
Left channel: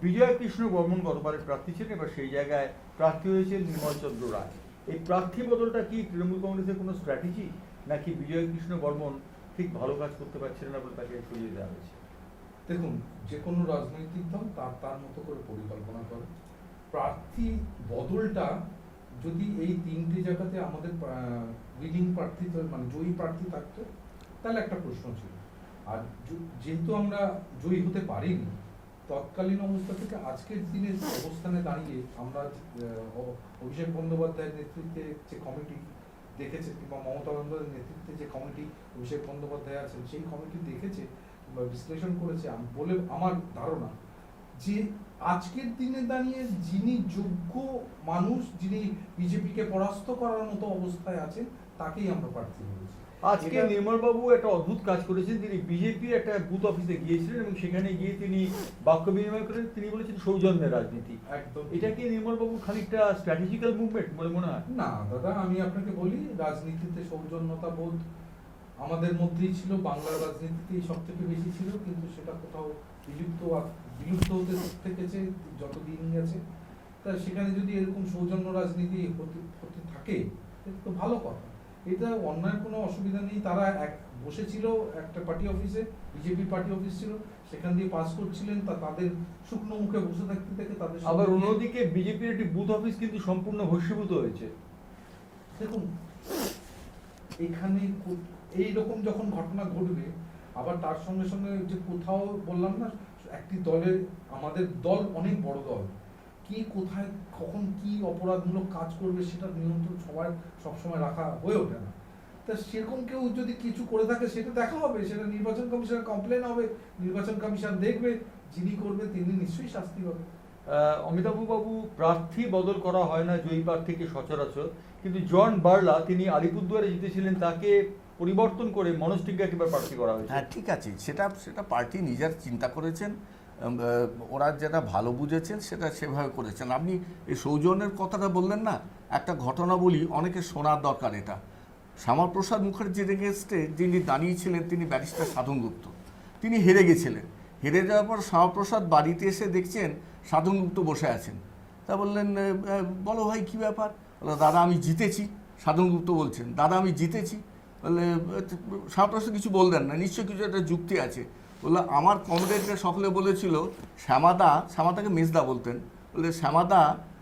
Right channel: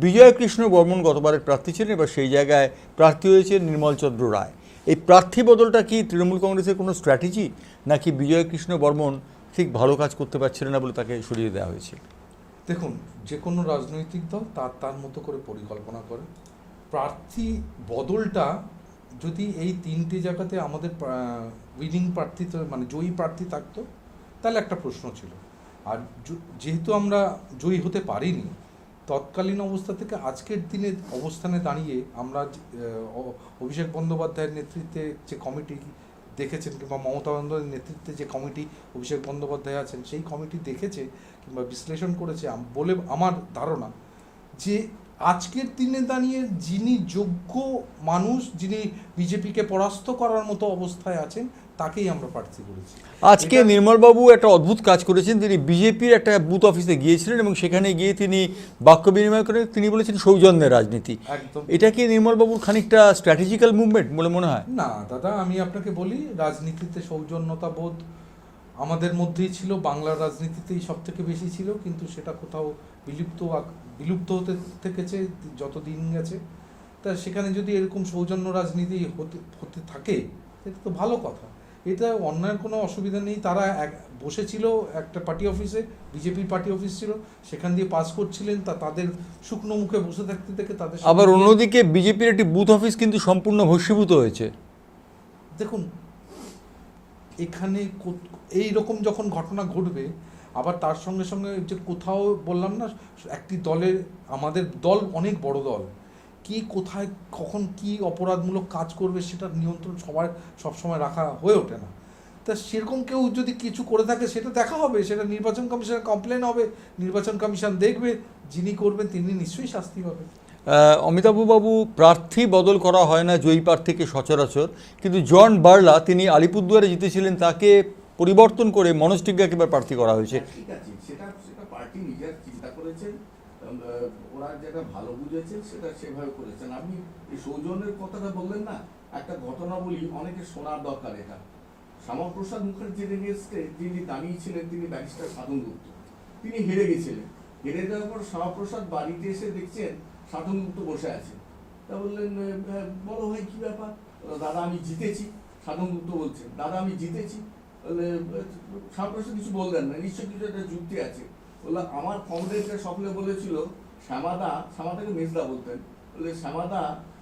বিজয় কৃষ্ণ বর্মন গতবারের প্রার্থী ছিলেন, এবার সেই জায়গায় প্রার্থী হয়েছে নির্মল চন্দ্র রায়। এই প্রার্থী বদলটা কি তৃণমূল কংগ্রেসের কোনো স্ট্র্যাটেজি, নাকি বিজয় কৃষ্ণ বর্মন ঠিক ভালো কাজ করতে পারছিলেন না বলে তাকে সরিয়ে দেওয়া হয়েছে? দেখুন, যে কোনো রাজনৈতিক দল তার মতো করে পরিকল্পনা করে। প্রার্থী বদলটা যদি এই তিনটে জায়গাতে আমাদের উইনিং প্রার্থী, মানে জয়ী প্রার্থী থাকতো, তাহলে একটা প্রশ্ন ছিল। আর যেহেতু আমরা জয়ী হতে পারিনি, তৎকালীন অবস্থা থেকে আজকের দিনের অবস্থানে দাঁড়িয়ে আমরা অভিষেক বন্দ্যোপাধ্যায়ের নেতৃত্বে যে কমিটি দেখেছেন, কিংবা মমতা বন্দ্যোপাধ্যায়ের নেতৃত্বে যে কমিটি অভিষেক বন্দ্যোপাধ্যায় আছেন, সেই কমিটি দেখেছে কিংবা বিশ্লেষণ করেছে বলে আমার ধারণা যে আজকের দিনে দাঁড়িয়ে যিনি যোগ্য মানুষ, যিনি বিজেপিকে পরাস্ত করার মতো অবস্থায় আছেন, তাকেই আমরা প্রার্থী করেছি। আজকে নির্মলবাবু একটা অদ্ভুত কাজ করেছেন। তিনি বিজেপির একটা বুথ অফিসে গিয়েছিলেন এবং সেখানে গিয়ে তিনি বাক্য বিনিময় করে তিনি বলেছেন সৌজন্যের রাজনীতি। একদম। এটা কি নির্মলবাবুর খানিকটা স্ট্র্যাটেজিক্যাল মুভমেন্ট বলে মনে হয়? না দাদা, আমি আপনাকে বলি, রাজনীতিতে সৌজন্যতা বোধ আমাদের মধ্যেই ছিল, বাংলার রাজনীতিতেই সব থেকে বেশি ছিল, কিন্তু সেটা কোথাও বিলুপ্ত হতে থেকেছে যত দিন গেছে। তা সেখানে যদি এরকম সৌজন্য রাজনীতি হতে থাকে, এটা তো ভালো কথা। এটা অন্যায়ের কোনো অসুবিধা নেই। তারা বসেছিল একটা পার্টি অফিসে, বিজেপির পার্টি অফিস ছিল, সেখান দিয়ে পাস করছিলেন, তাদের শুকনো মুখে বসে থাকতে থেকে তাদের। আবার অন্যদিকে বিজেপির একটি বুথ অফিস কিন্তু সম্পূর্ণ ভস্মীভূত হয়েছে। দেখুন, এখানে এই রকম যখন ঘটনা ঘটবে, আবার তার সঙ্গে সঙ্গে যে কোথাও বললাম না, একটি দলের, আমাদের দল অনেক বড় দল, কি কোথায় কখন কি অপরাধমূলক কাজ করবে সেটার নিয়ন্ত্রণ সবসময় রাখা হয়ে ওঠে না। তা সেরকম কেউ যদি কিছু করে থাকে, সেটা দেখা হবে, সেটা নির্বাচন কমিশনের কমপ্লেন হবে, নির্বাচন কমিশন দেখবে, যিনি করবেন তিনি নিশ্চয়ই শাস্তি পাবেন। অমিতাভবাবু, প্রার্থী বদল করা হয় না জয়ী প্রার্থীকে সচরাচর, কিন্তু জন বার্লা তিনি আলিপুরদুয়ারে জিতেছিলেন, তাকে পরিবর্তন করে মনোজ টিগ্গাকে এবার প্রার্থী করা হয়েছে। ঠিক আছে, সেটা পার্টি নিজের চিন্তা করেছেন, ওরা যেটা ভালো বুঝেছেন সেটা সেভাবে করেছেন। আপনি এই সৌজন্যের কথাটা বললেন না, একটা ঘটনা বলি, অনেকে শোনার দরকার এটা। শ্যামাপ্রসাদ মুখার্জির এগেনস্টে যিনি দাঁড়িয়েছিলেন, তিনি ব্যারিস্টার সাধন গুপ্ত, তিনি হেরে গেছিলেন। হেরে যাওয়ার পর শ্যামাপ্রসাদ বাড়িতে এসে দেখছেন সাধন গুপ্ত বসে আছেন। তা বললেন, বলো ভাই কী ব্যাপার? দাদা আমি জিতেছি। সাধন গুপ্ত বলছেন, দাদা আমি জিতেছি। বললে শ্যামাপ্রসাদ কিছু বললেন না, নিশ্চয়ই কিছু একটা যুক্তি আছে। বললো, আমার কমরেডরা সকলে বলেছিল শ্যামাদাকে মেজদা বলতেন, বললে শ্যামাদা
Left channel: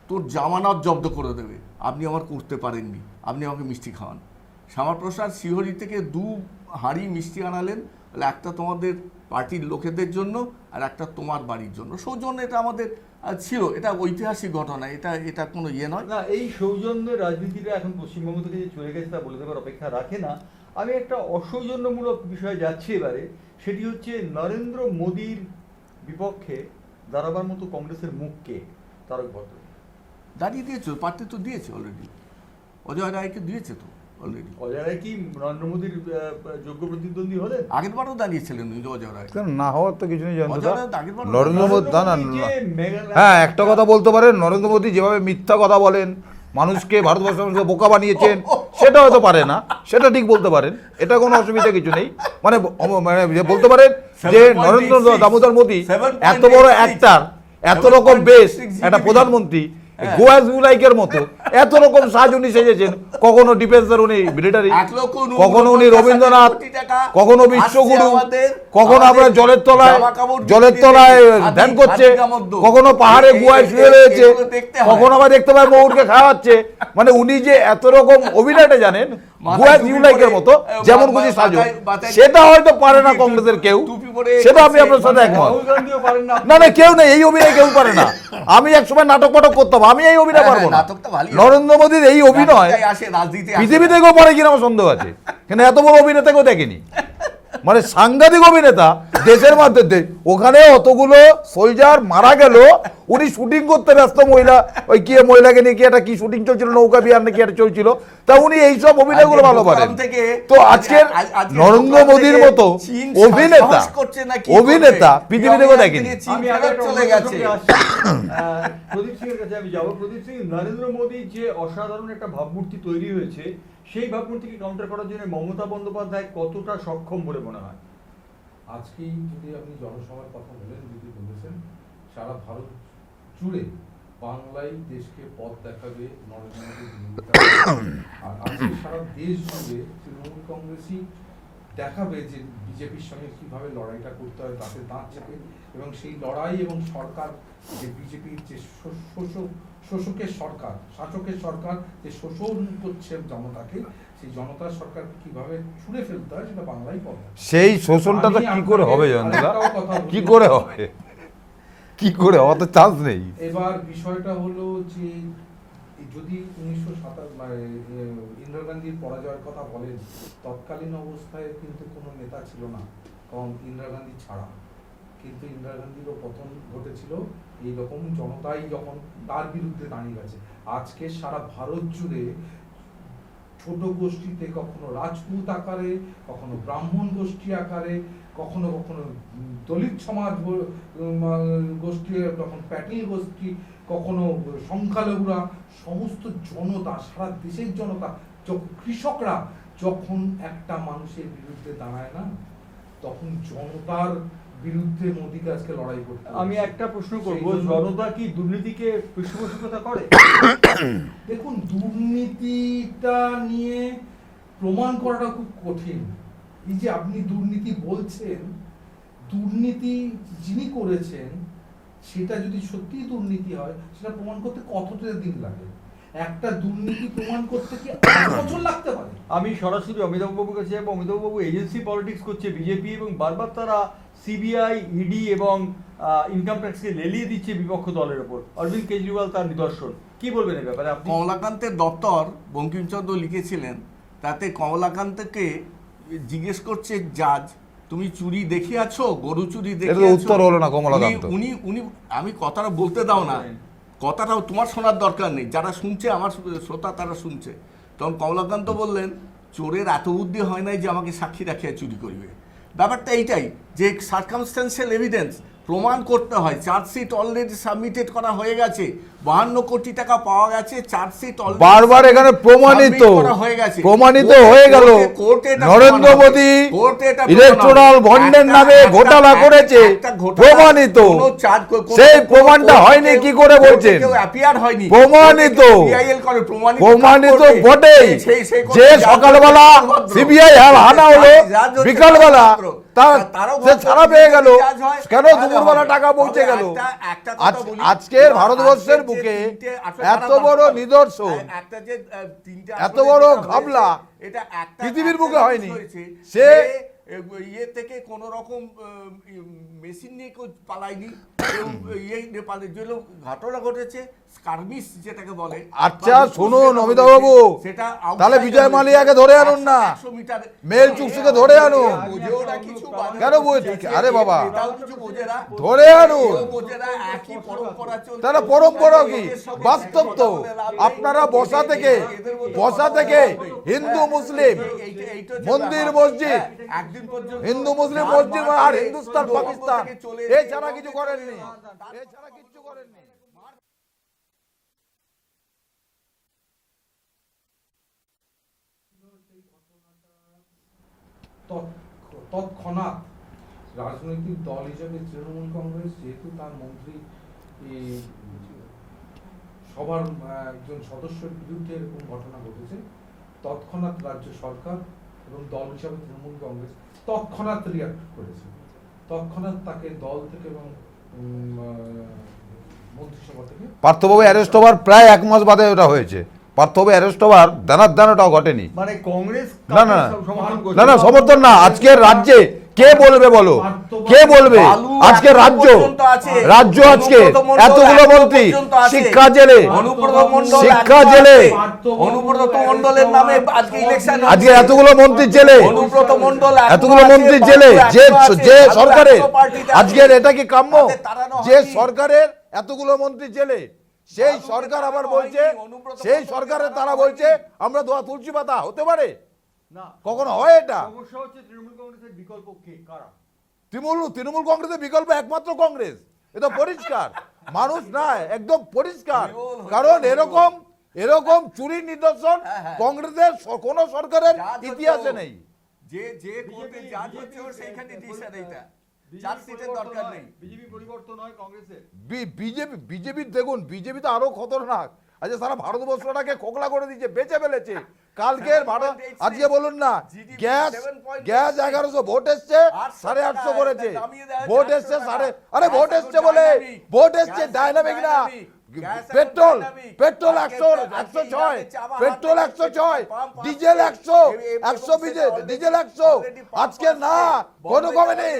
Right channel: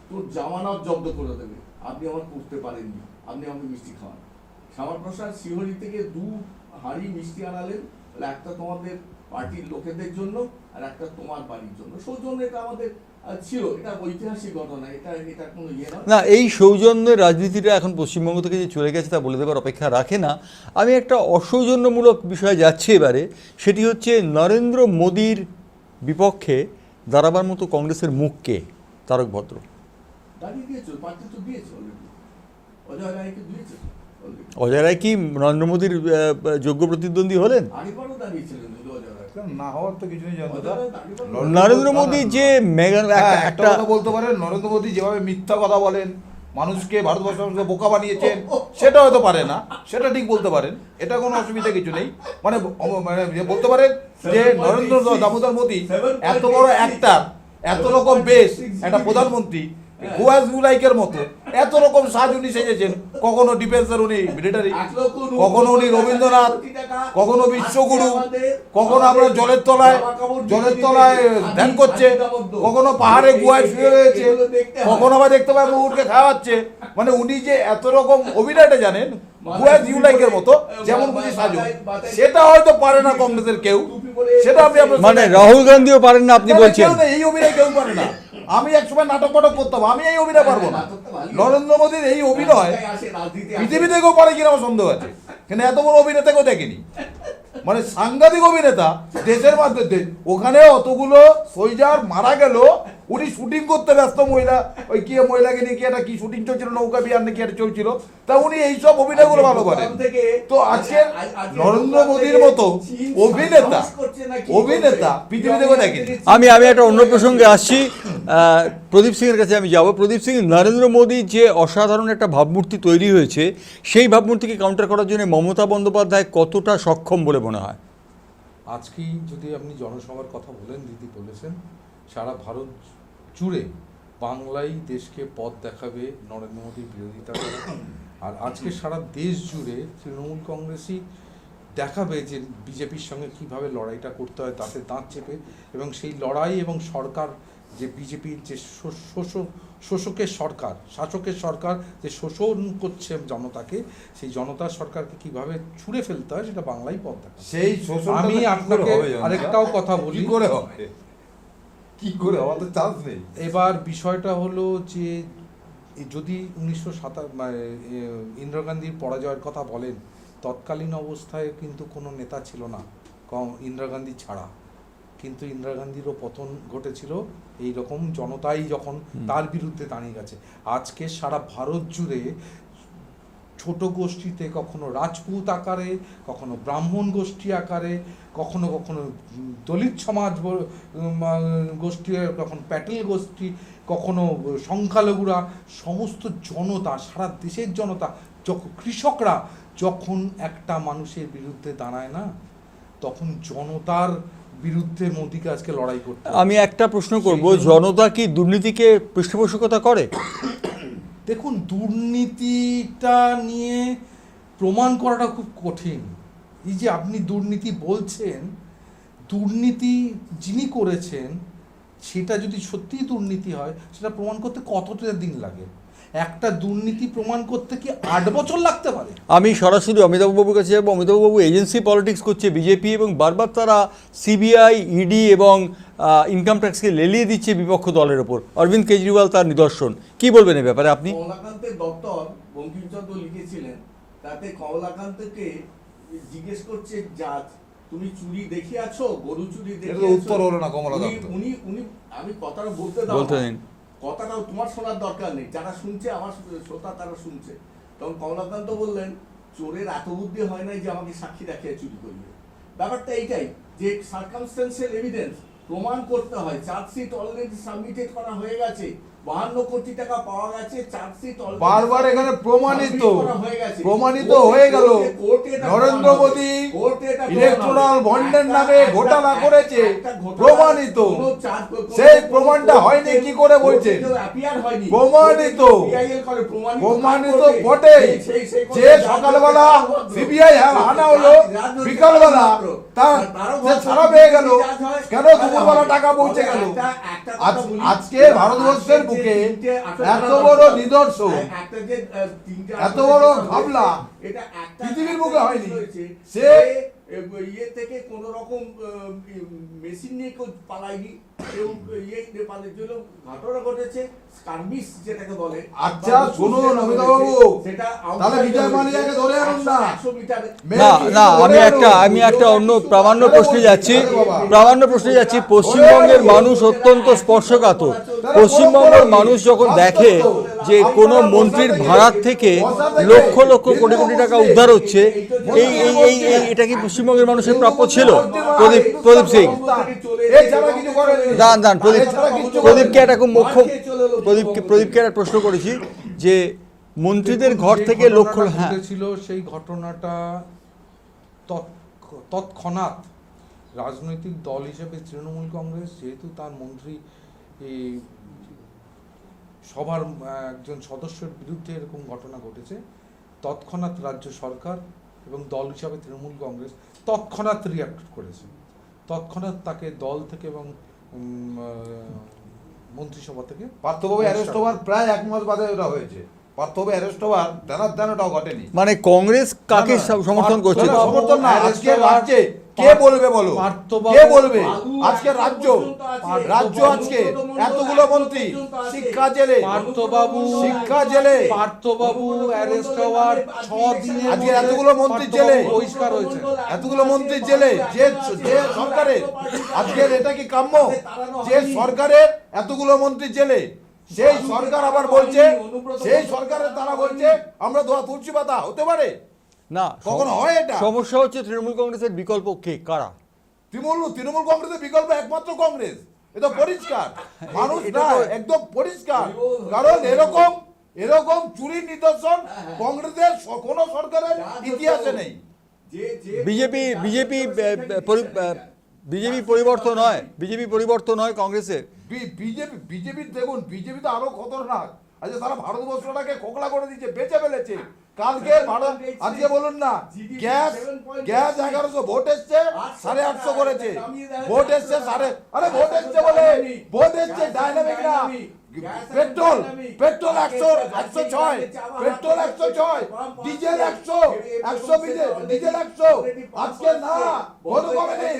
তোর জামানত জব্দ করে দেবে, আপনি আমার করতে পারেননি, আপনি আমাকে মিষ্টি খাওয়ান। শ্যামাপ্রসাদ শিহরি থেকে 2 হাঁড়ি মিষ্টি আনালেন, বলে একটা তোমাদের পার্টির লোকেদের জন্য আর একটা তোমার বাড়ির জন্য। সৌজন্য এটা আমাদের ছিল, এটা ঐতিহাসিক ঘটনা, এটা কোনো ইয়ে নয় না। এই সৌজন্যের রাজনীতিটা এখন পশ্চিমবঙ্গ থেকে যে চলে গেছে তা বলে দেবার অপেক্ষা রাখে না। আমি একটা অসৌজন্যমূলক বিষয়ে যাচ্ছি এবারে, সেটি হচ্ছে নরেন্দ্র মোদীর বিপক্ষে দাঁড়াবার মতো কংগ্রেসের মুখকে তারক ভদ্র দাঁড়িয়ে দিয়েছে, প্রার্থী তো দিয়েছে অলরেডি, অজয় রায়কে দিয়েছে তো অলরেডি। অজয় রায় কি নরেন্দ্র মোদীর যোগ্য প্রতিদ্বন্দ্বী হলেন? আগেরবারও দাঁড়িয়েছিলেন অজয় রায়। না হওয়ার তো কিছু নেই। নরেন্দ্র মোদী যে হ্যাঁ, একটা কথা বলতে পারেন, নরেন্দ্র মোদী যেভাবে মিথ্যা কথা বলেন, মানুষকে ভারতবর্ষের মানুষকে বোকা বানিয়েছেন, সেটা হয়তো পারে না, সেটা ঠিক বলতে পারেন, এটা কোনো অসুবিধা কিছু নেই। মানে বলতে পারেন যে নরেন্দ্র দামোদর মোদী এত বড় অ্যাক্টর, এত রকম বেশ একটা প্রধানমন্ত্রী, গোয়া জুলাইকের মতো এত রকম সাজ উনি সেজেছেন, কখনো ডিফেন্সের উনি মিলিটারি, 1,90,000 কখনো উনি রবীন্দ্রনাথ, কোটি টাকা কখনো আসছে বিশ্বগুরু, আমাদের, কখনো আপনার জলের তলায় ধ্যান করছে, কখনো পাহাড়ে গুহায় শুয়ে রয়েছে, কখনো আবার দেখতে পায় ময়ূরকে খাওয়াচ্ছে। মানে উনি যে এত রকম অভিনয়টা জানেন গোয়া জুলাইকের মতো যেমন খুশি সাজো, সেটা হয়তো পারে না কংগ্রেসের কেউ, সেটা আমি আপনার মানে সামনে- রাহুল গান্ধীও পারেন না আপনি না, না, বলছেন? কেউ নেই, এই অভিনয় কেউ পারে না। আমি একসময় নাটক পাটক করতাম, আমি এই অভিনয় হ্যাঁ, পারবো না। নাটকটা ভালোই হয়। নরেন্দ্র মোদীর এই অভিনয় রাজনীতিতে আসে, রাজনীতিতে আসে। পৃথিবী থেকেও পারে কিনা আমার সন্দেহ আছে, কিন্তু এত বড় অভিনেতা কেউ দেখেনি। মানে সাংঘাতিক অভিনেতা দেশের মধ্যে, ওখানে অতগুলো সোলজার মারা গেল, উনি শুটিং করতে ব্যস্ত, ওই কি মহিলাকে নিয়ে কি একটা কি শুটিং চলছিল, নৌকা বিহার নাকি একটা চলছিল, তা উনি এইসব অভিনয়গুলো ভালো পারেন। তো আজকের নরেন্দ্র মোদীর মতো অভিনেতা পৃথিবী থেকেও দেখেনি। আমি একটা অন্য প্রসঙ্গে আসছি, প্রদীপ সিং এর কাছে আমি যাব। প্রদীপ সিং, নরেন্দ্র মোদী যে অসাধারণ একটা ভাবমূর্তি তৈরি হয়েছে, সেই ভাবমূর্তিকে কাউন্টার করার জন্য মমতা বন্দ্যোপাধ্যায় কতটা সক্ষম বলে মনে হয়? আজকেই যদি আপনি জনসভার কথা বলেন, দিদি বলেছেন সারা ভারত জুড়ে বাংলাই দেশকে পথ দেখাবে নরেন্দ্র মোদীর বিরোধিতা করে। আর আজকে সারা দেশ জুড়ে তৃণমূল কংগ্রেসই দেখাবে যে বিজেপির সঙ্গে কিভাবে লড়াইটা করতে হয়, তাতে দাঁত চেপে। এবং সেই লড়াই এবং সরকার যে বিজেপির যে শোষকের সরকার, শাসকের সরকার যে শোষণ করছে জনতাকে, সেই জনতার সরকারকে কিভাবে ছুঁড়ে ফেলতে হয় সেটা বাংলাই পথ দেখাবে। সেই শোষণটা তো কি করে হবে, আরেকটাও কথা বলি, কি করে হবে, কি করে হওয়ার তো চান্স নেই। এবার বিষয়টা হলো যে যদি 1957 ইন্দিরা গান্ধীর পরাজয়ের কথা বলেন, তৎকালীন অবস্থায় কিন্তু কোনো নেতা ছিল না কম ইন্দিরা গান্ধী ছাড়া, কিন্তু ইন্দিরা গান্ধীরও পতন ঘটেছিল এই রকম জনতাই যখন তার বিরুদ্ধে দাঁড়িয়ে গেছে। আজকে সারা ভারত জুড়ে ছোট গোষ্ঠীতে, কখনো রাজপুত আকারে, কখনো ব্রাহ্মণ গোষ্ঠী আকারে, কখনো কখনো দলিত সমাজ গোষ্ঠী, কখনো প্যাটেল গোষ্ঠী, কখনো সংখ্যালঘুরা, সমস্ত জনতা, সারা দেশের জনতা, যখন কৃষকরা যখন একটা মানুষের বিরুদ্ধে দাঁড়ায় না, তখন জনতার বিরুদ্ধে মোদীকে আজকে লড়াই করতে হবে। আমি একটা প্রশ্ন করব, জনতা কি দুর্নীতিকে পৃষ্ঠপোষকতা করে? দেখুন, দুর্নীতিটা নিয়ে প্রমাণ করাটা খুব কঠিন। এই যে আপনি দুর্নীতি বলছেন, দুর্নীতি যিনি করেছেন সেটা যদি সত্যিই দুর্নীতি হয়, সেটা প্রমাণ করতে কতটা দিন লাগে? একটা দুর্নীতি প্রমাণ করতে কি 8 বছর লাগতে পারে? আমি সরাসরি অমিতাভবাবুর কাছে যাবো। অমিতাভবাবু, এজেন্সি পলিটিক্স করছে বিজেপি এবং বারবার তারা সিবিআই, ইডি এবং ইনকাম ট্যাক্সকে লেলিয়ে দিচ্ছে বিপক্ষ দলের ওপর। অরবিন্দ কেজরিওয়াল তার নিদর্শন। কি বলবেন এই ব্যাপারে আপনি? কমলাকান্তের দপ্তর বঙ্কিমচন্দ্র লিখেছিলেন, তাতে কমলাকান্তকে জিজ্ঞেস করছে জাজ, তুমি চুরি দেখিয়াছো, গরু চুরি দেখিয়াছো? উত্তর হলো না কমলাকান্ত। উনি আমি কথাটা বলতে দাও না, বলতে দিন। কথাটাও তোমার শোনার দরকার নেই, যারা শুনছে আমার শ্রোতা তারা শুনছে। তখন কমলাকান্ত বললেন, চোরের এত বুদ্ধি হয় নাই যে আমাকে সাক্ষী রাখিয়া চুরি করবে। ব্যাপারটা এইটাই যে সার্কামস্ট্যান্সিয়াল এভিডেন্স প্রমাণ করতে হয়। চার্জশিট অলরেডি সাবমিটেড করা হয়ে গেছে, 52 কোটি টাকা পাওয়া গেছে, চার্জশিট অলরেডি বারবার এখানে প্রমাণিত হয়ে গেল নরেন্দ্র মোদী ইলেকট্রাল বন্ডের নামে ঘোটালা করেছে, প্রমাণিত। সেই প্রমাণটা হয়নি কি করে বলছেন? প্রমাণিত, প্রমাণিত বটে যে সকালবেলা সিবিআই হানা হলো, বিকালবেলা তার ছাড়া পেয়ে গেল, কেন দুপুরবেলা টাকা পৌঁছে গেল? আজকের ভারতবর্ষের বুকে এত বড় নিদর্শন, এত বড় ঘাবলা পৃথিবীর বুকে হয়নি। সে ইয়ে থেকে কোন রকম মেশিন নিয়ে কেউ পালায়নি, ঘটনা ঘটেছে স্কারবিস যেটাকে বলে। আচ্ছা শুনুন অমিতাভবাবু, তাহলে বিজয় মালিয়াকে ধরে আনুন না। আমি একটা অন্য প্রামাণ্য প্রশ্নে যাচ্ছি। পশ্চিমবঙ্গের মানুষ অত্যন্ত স্পর্শকাতর। পশ্চিমবঙ্গের মানুষ যখন দেখে যে কোনো মন্ত্রীর ভাড়ার থেকে লক্ষ লক্ষ কোটি কোটি টাকা উদ্ধার হচ্ছে, এটা কি পশ্চিমবঙ্গের মানুষের প্রাপ্য ছিল? প্রদীপ সিং, প্রদীপকে একটা খুব মুখ্য প্রদীপকে একটা প্রশ্ন করেছি যে মন্ত্রীদের ঘর থেকে লক্ষ ছিল, সেই ঘটনাটা তৎক্ষণাৎ রাজনৈতিক দল হিসেবে তৃণমূল কংগ্রেস, যেহেতু তার মন্ত্রী সবার একজন সদস্যের বিরুদ্ধে এরকম ঘটনা ঘটেছে, তৎক্ষণাৎ রাজ্য সরকার এবং দল হিসাবে তৃণমূল কংগ্রেস তৎক্ষণাৎ রিয়াক্ট করেছে, তৎক্ষণাৎ তাকে দল থেকে এবং মন্ত্রিসভা থেকে পার্থবাবু অ্যারেস্ট হওয়ার প্রায় 1 মাস বাদে ওটা হয়েছে। পার্থবাবু অ্যারেস্ট হওয়ার দানার ওটাও ঘটেনি। মানে কংগ্রেস কাকে না, না। সমর্থন করছে? না না সমর্থন না, আজকের রাজ্যে কে বলবে বলো, কে বলবে? আজকে রাজ্য আজকে এতগুলো মন্ত্রী শিক্ষা জেলে, শিক্ষা জেলে, অনুব্রত মণ্ডলের নামে আজকে ইলেকশন, আজকে এতগুলো মন্ত্রী জেলে, অনুব্রত মণ্ডল এতগুলো মন্ত্রী জেলে, যে সরকারের আজকের এটা কি কাম্য? যে সরকারের এতগুলো মন্ত্রী জেলে, সেই সরকার আবার বলছে, সেই সরকারের তারা বলছে আমরা ধোয়া তুলসী পাতা হতে পারে না, কখনো হয় এটা? সমস্যা হচ্ছে তৃণমূল কংগ্রেসের বিকল্প কে, কারা? তৃণমূল কংগ্রেসের বিকল্প একমাত্র কংগ্রেস, এটা পরিষ্কার। মানুষ না একদম পরিষ্কার, কারণ এরকম চুরির নিদর্শন কংগ্রেসের কোন সরকারের ইতিহাসে নেই। বিজেপি পরিবর্তন হয়, বিজেপি পরিবর্তন হয় কংগ্রেসের। বিজেপি দেখুন, বিজেপি তো আরো খতরনাক। আজকে সারা ভারতবর্ষটাকে খোকলা করে দিয়েছে, বেঁচে ফেলেছে। কালকে আজকে বলুন না, গ্যাস 1100 ভোট এসছে, 850 করেছে। ভোট এসছে ভোট এসছে বলে ভোট এসছে ডাইনামিক না। Petrol 106, petrol 106, diesel 100, diesel 100। আজকে না কোনো কমে নেই,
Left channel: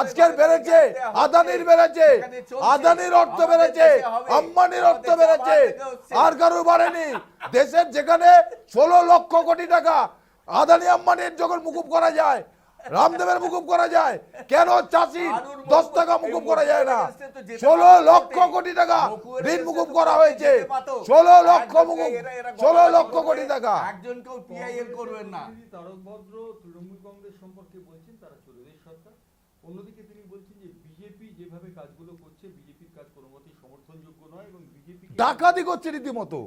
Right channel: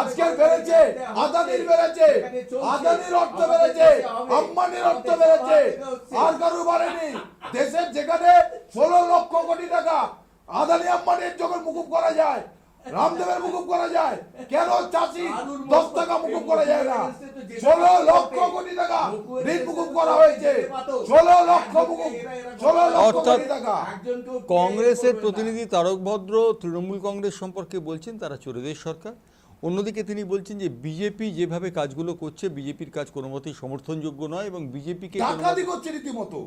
আজকের বেড়েছে, আদানির বেড়েছে, আদানির অর্থ বেড়েছে, আম্বানির অর্থ বেড়েছে, আর কারো বাড়েনি। দেশের যেখানে 16 লক্ষ কোটি টাকা আদানি আম্বানির যখন মুকুব করা যায়, রামদেবের মুকুব করা যায়, কেন চাষি 10 টাকা মুকুব করা যায় না? 16 লক্ষ কোটি টাকা ঋণ মুকুব করা হয়েছে, 16 লক্ষ কোটি টাকা। কংগ্রেসের প্রতিনিধি তারক ভদ্র তৃণমূল কংগ্রেস সম্পর্কে বলছেন তারা চোরেদের সরকার। অন্যদিকে তিনি বলছেন যে বিজেপি যেভাবে কাজগুলো করছে, বিজেপির কাজ কোনো মতেই সমর্থনযোগ্য নয় এবং বিজেপিকে ডাকাতি করছে রীতিমতো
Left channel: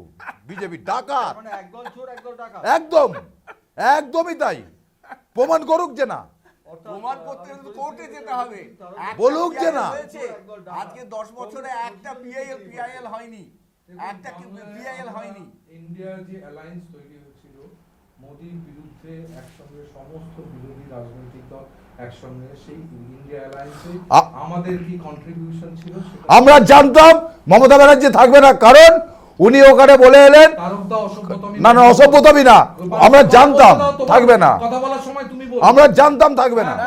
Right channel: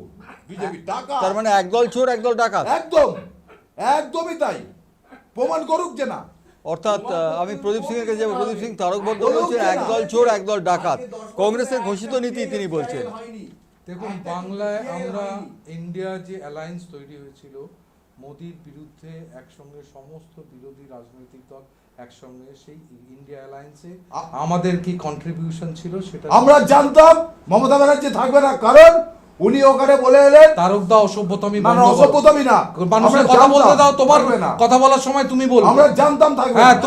বিজেপি, টাকা। তার মানে একদল চোর একদল ডাকাত। একদমই তাই, প্রমাণ করুক যে না। অর্থাৎ আমি প্রদীপ সিং এর কাছে যাবো। প্রদীপ সিং, তারক ভদ্র বলছে একদল চোর একদল ডাকাত, কংগ্রেসের ঘোষিত নীতি তিনি বলছেন। দেখুন, বাংলায় আমরা ইন্ডিয়া যে অ্যালায়েন্স তৈরি হয়েছিল, মোদির বিরুদ্ধে একসঙ্গে সমস্ত বিরোধী রাজনৈতিক দল একসঙ্গে, সেই ইন্ডিয়া অ্যালায়েন্সে আমাদের কি কন্ট্রিবিউশন ছিল সেটা আমরা জানতাম মমতা ব্যানার্জি থাকবে না, কারণ উনি ওখানে বলে এলেন তারকদা অসভ্যতামি, না অসভ্যতামি না, আমরা জানতাম থাকবে না। কথা বলার সময় তুমি বলবে, আমরা জানতাম থাকবে না। হ্যাঁ,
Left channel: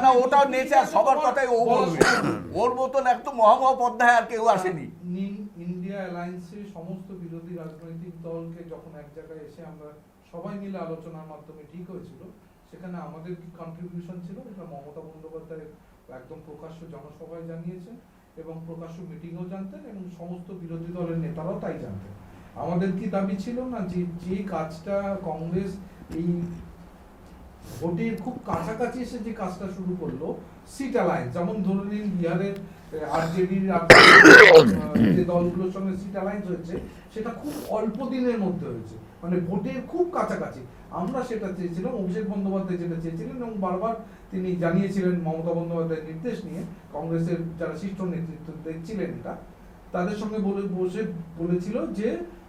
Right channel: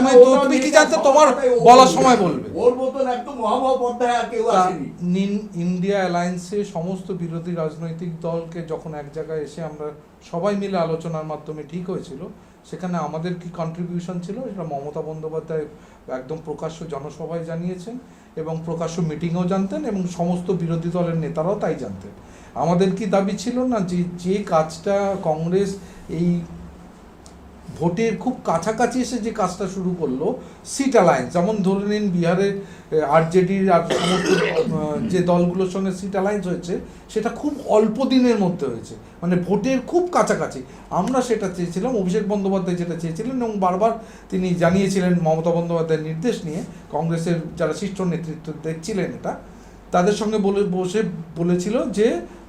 তুমি কি জানতে তোমার বলার সময় বলবে। ওর মতন একদম মহামহাপদ্মায় আর কেউ আসেনি। ইন্ডিয়া অ্যালায়েন্সে সমস্ত বিরোধী রাজনৈতিক দলকে যখন এক জায়গায় এসে আমরা সবাই মিলে আলোচনার মাধ্যমে ঠিক হয়েছিল, সেখানে আমাদের কি কন্ট্রিবিউশন ছিল সেটা মমতা বন্দ্যোপাধ্যায় একদম প্রকাশ্য জনসভায় জানিয়েছেন এবং প্রকাশ্য মিটিংও জানতেন এবং সমস্ত বিরোধী দলের নেতারাও তাই জানতেন। আমাদের কি দাবি ছিল না যে কাজটা কংগ্রেস এই ভোটের খুব কাছাকাছি এসে যে কাজটা শুরু করলো, সিট অ্যালায়েন্স, যেমন ধরে নিন বিহারে আরজেডির যে দলগুলোর সঙ্গে সিট অ্যালায়েন্স হয়েছে সেটা খুব অল্প দিনের মধ্যে হয়েছে, মানে ভোটের খুব কাছাকাছি। আমরা সেটা চেয়েছিলাম, অভিষেক বন্দ্যোপাধ্যায় যেটা চেয়েছিলেন এবং বারবার তিনি জানিয়েছিলেন মমতা বন্দ্যোপাধ্যায়ের নির্দেশ নিয়ে, কংগ্রেসের যারা শীর্ষ নেতৃত্ব দেখছিলেন এটা, তাদের সঙ্গে বসে বলেছিল যে